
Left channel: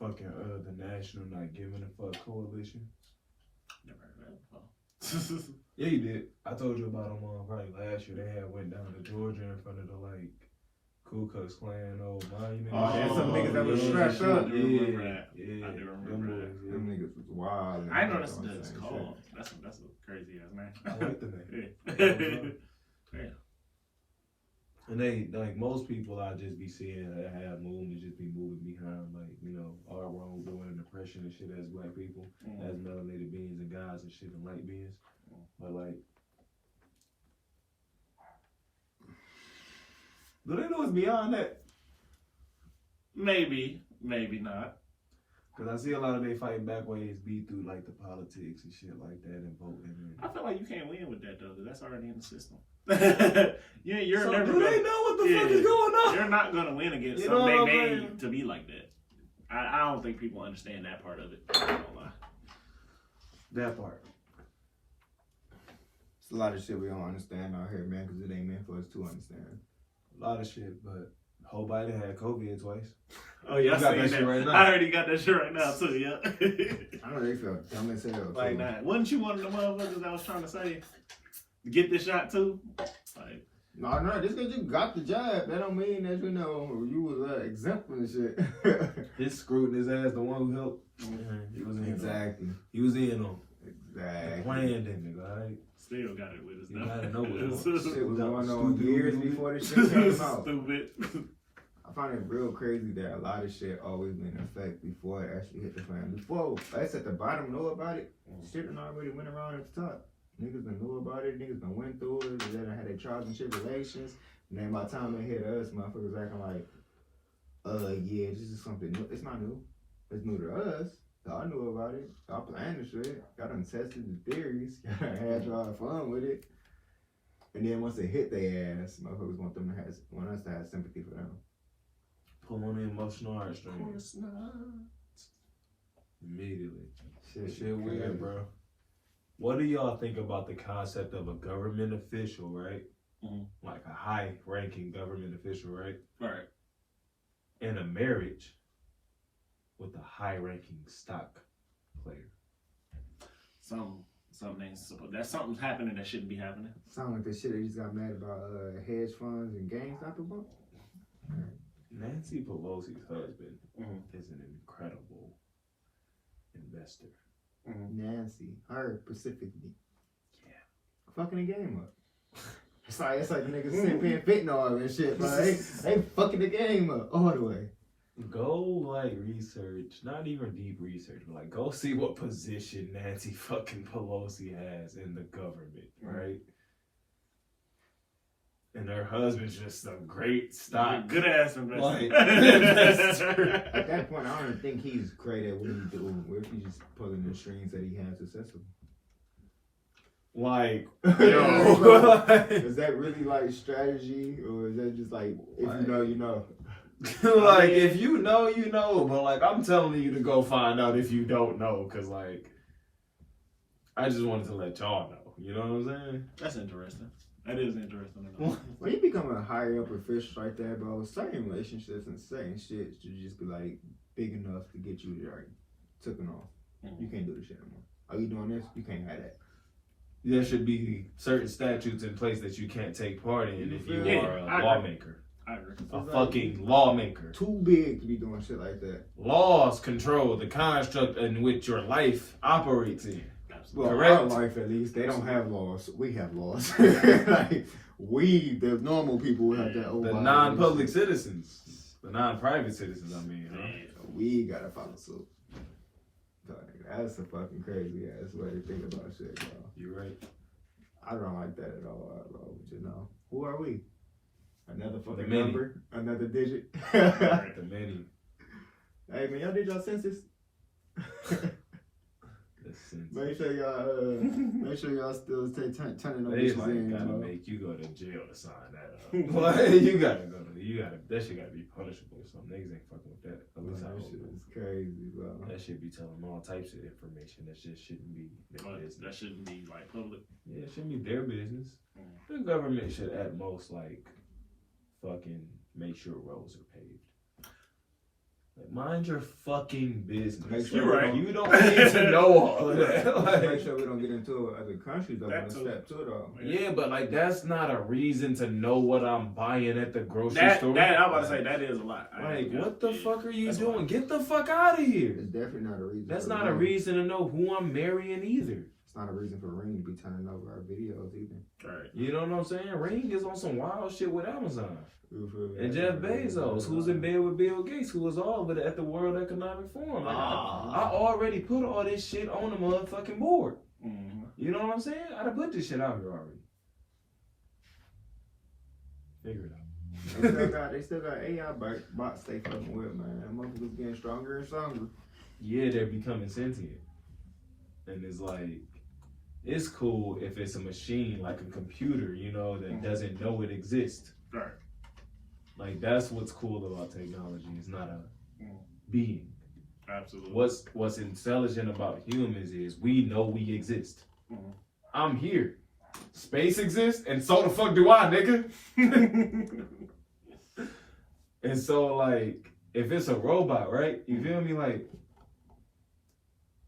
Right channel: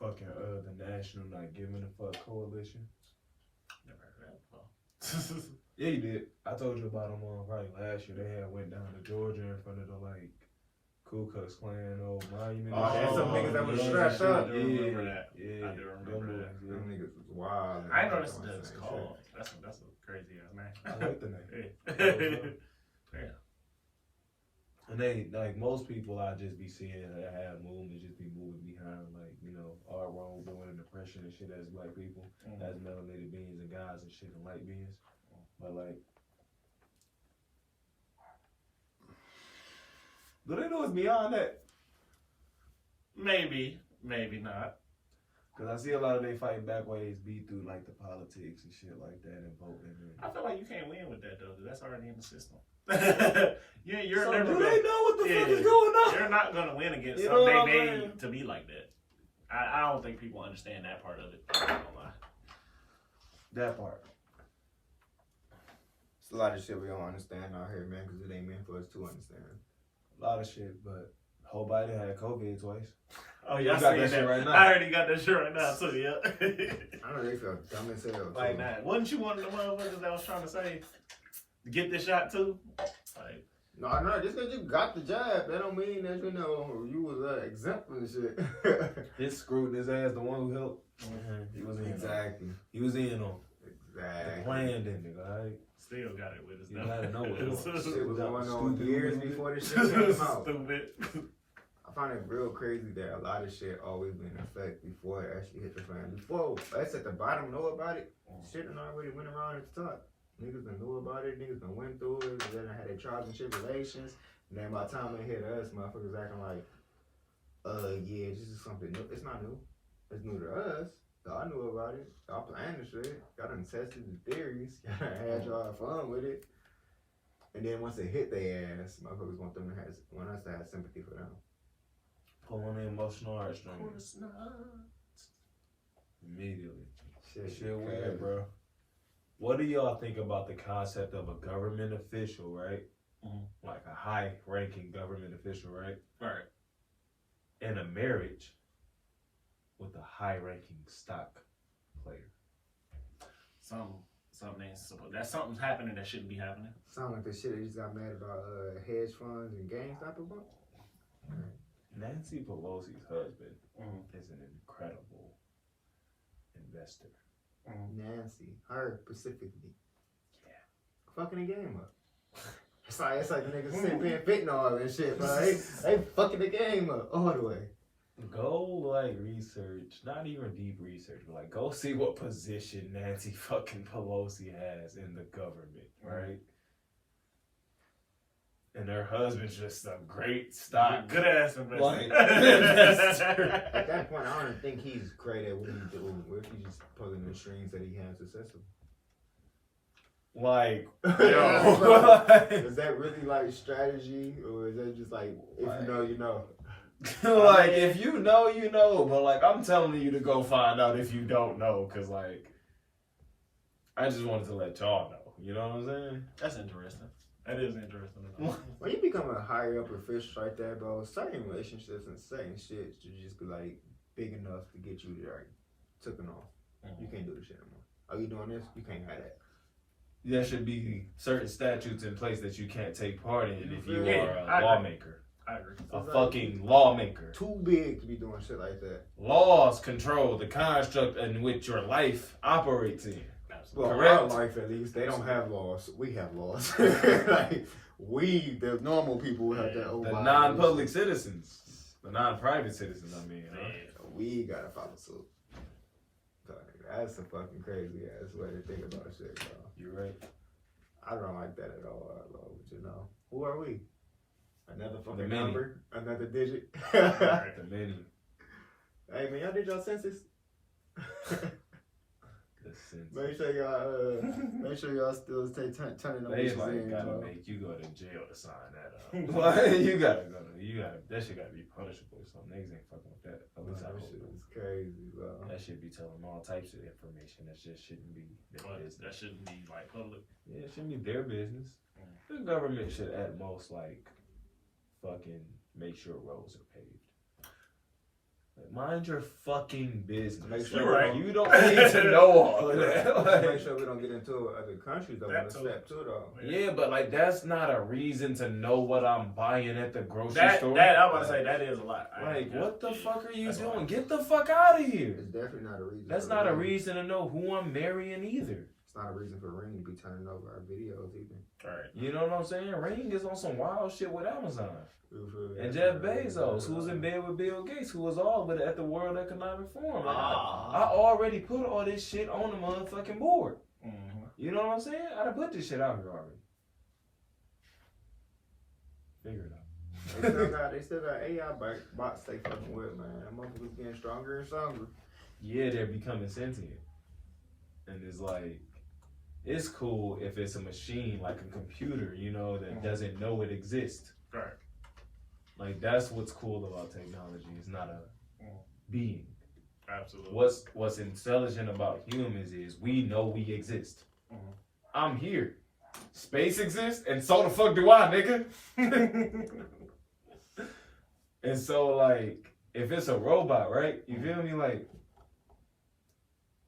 Fucking the National Not Giving a Fuck Coalition. Never heard that before. Yeah, you did. I told you about them probably last year. They had went down to Georgia in front of the like Ku Klux Klan old monument. Some niggas that was strapped up. I do remember that. Yeah, I do remember that. Them niggas was wild. I know that's what it's called. That's a crazy ass name. I like the name. Yeah. And they like most people I just be seeing that have movements just be moving behind our wrongdoing and oppression and shit as black people, as melanated beings and guys and shit and light beings. But like, do they know it's beyond that? Maybe not. Cause I see a lot of they fight back ways be through like the politics and shit like that and voting. I feel like you can't win with that though, cause that's already in the system. You're so never. Do they know what the fuck is going on? You're not gonna win against something they made to be like that. I don't think people understand that part of it. I don't lie. That part. It's a lot of shit we don't understand out here, man, because it ain't meant for us to understand. A lot of shit, but Joe Biden had COVID twice. Oh yeah, I got that shit right now. I already got that shit right now too. Yeah. I know they feel dumb as hell. Like that. Wasn't you one of the motherfuckers that was trying to say, get this shot too? Like. No, just because you got the job, that don't mean that you was exempt from the shit. His screwed his ass, the one who helped He was in exactly. He was in on exactly. planned it, nigga. Right? Still got it with us You now. gotta know it. Shit was going on years before the shit came out. Stupid. I find it real crazy that a lot of shit always been in effect before it actually hit the fan. Before us at the bottom know about it, shit done already went around at the top. Niggas done knew about it, niggas done went through it, and then had their trials and tribulations. And then by the time it hit us, motherfuckers acting like, yeah, this is something new. It's not new. It's new to us. Y'all knew about it. Y'all planned the shit. Y'all done tested the theories. Y'all had y'all fun with it. And then once it hit their ass, motherfuckers want us to have sympathy for them. Pull on the emotional heartstrings. Immediately. Shit weird, bro. What do y'all think about the concept of a government official, right? Mm-hmm. Like a high-ranking government official, right? Right. And a marriage with a high-ranking stock player. That's something's happening that shouldn't be happening. Sound like the shit that you just got mad about hedge funds and GameStop about? Nancy Pelosi's husband Mm-hmm. is an incredible investor. Nancy, her specifically. Yeah. Fucking the game up. It's like niggas sitting being fentanyl and shit, but they fucking the game up all the way. Go like research, not even deep research, but like go see what position Nancy fucking Pelosi has in the government, right? And her husband's just a great stock. Good ass investor. At that point, I don't think he's great at what he's doing. Where if he's just pulling the strings that he has successful. Like, yo. Is that really like strategy, or is it just like, if you know, you know? Like, if you know, you know. But like, I'm telling you to go find out if you don't know, because like, I just wanted to let y'all know. You know what I'm saying? That's interesting. That is interesting. When you become a higher up official right there, bro, certain relationships and certain shit should just be like big enough to get you there, taken off. You can't do this shit anymore. Are you doing this? You can't have that. There should be certain statutes in place that you can't take part in if you are a lawmaker. I agree. A fucking lawmaker. Too big to be doing shit like that. Laws control the construct in which your life operates in. Well, correct. Our life, at least, they don't have laws. We have laws. Like, we, the normal people, have that. The non-public citizens, the non-private citizens. I mean, huh? We gotta follow suit. That's a fucking crazy ass way to think about shit, bro. You're right. I don't like that at all, bro. But you know, who are we? Another fucking many. number, another digit. The many. Hey man, y'all did y'all census? Make sure y'all still turning them They bitches like in, gotta bro. make you go to jail to sign that up. Like, you gotta that shit gotta be punishable or something. Niggas ain't fucking with that. At least I That hope. shit is crazy, bro. That should be telling them all types of information. That just shouldn't be their business. That shouldn't be like public. Yeah, it shouldn't be their business. The government should at most like fucking make sure roads are paved. Like, mind your fucking business. You're right. You don't need to know all of that. Make sure we don't get into other countries that want to step to it all. Yeah, but like that's not a reason to know what I'm buying at the grocery store. I was about to say that is a lot. Like, what the fuck are you doing? Get the fuck out of here. It's definitely not a reason. That's not a reason to know who I'm marrying either. It's not a reason for Ring to be turning over our videos either. All right. You know what I'm saying? Ring is on some wild shit with Amazon. And Jeff Bezos, who was in bed with Bill Gates, who was all of it at the World Economic Forum. Like, I already put all this shit on the motherfucking board. Mm-hmm. You know what I'm saying? I done put this shit out here already. Figure it out. They still got AI bots they fucking with, man. That motherfucker's getting stronger and stronger. Yeah, they're becoming sentient. And it's like, it's cool if it's a machine, like a computer, you know, that doesn't know it exists. Right. Like, that's what's cool about technology. It's not a being. Absolutely. What's intelligent about humans is we know we exist. Mm-hmm. I'm here. Space exists, and so the fuck do I, nigga. And so, like, if it's a robot, right? You feel me? Like,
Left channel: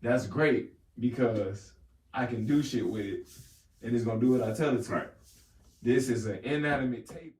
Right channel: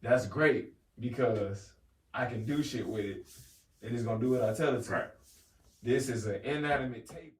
that's great because I can do shit with it, and it's gonna do what I tell it to. Right. This is an inanimate table.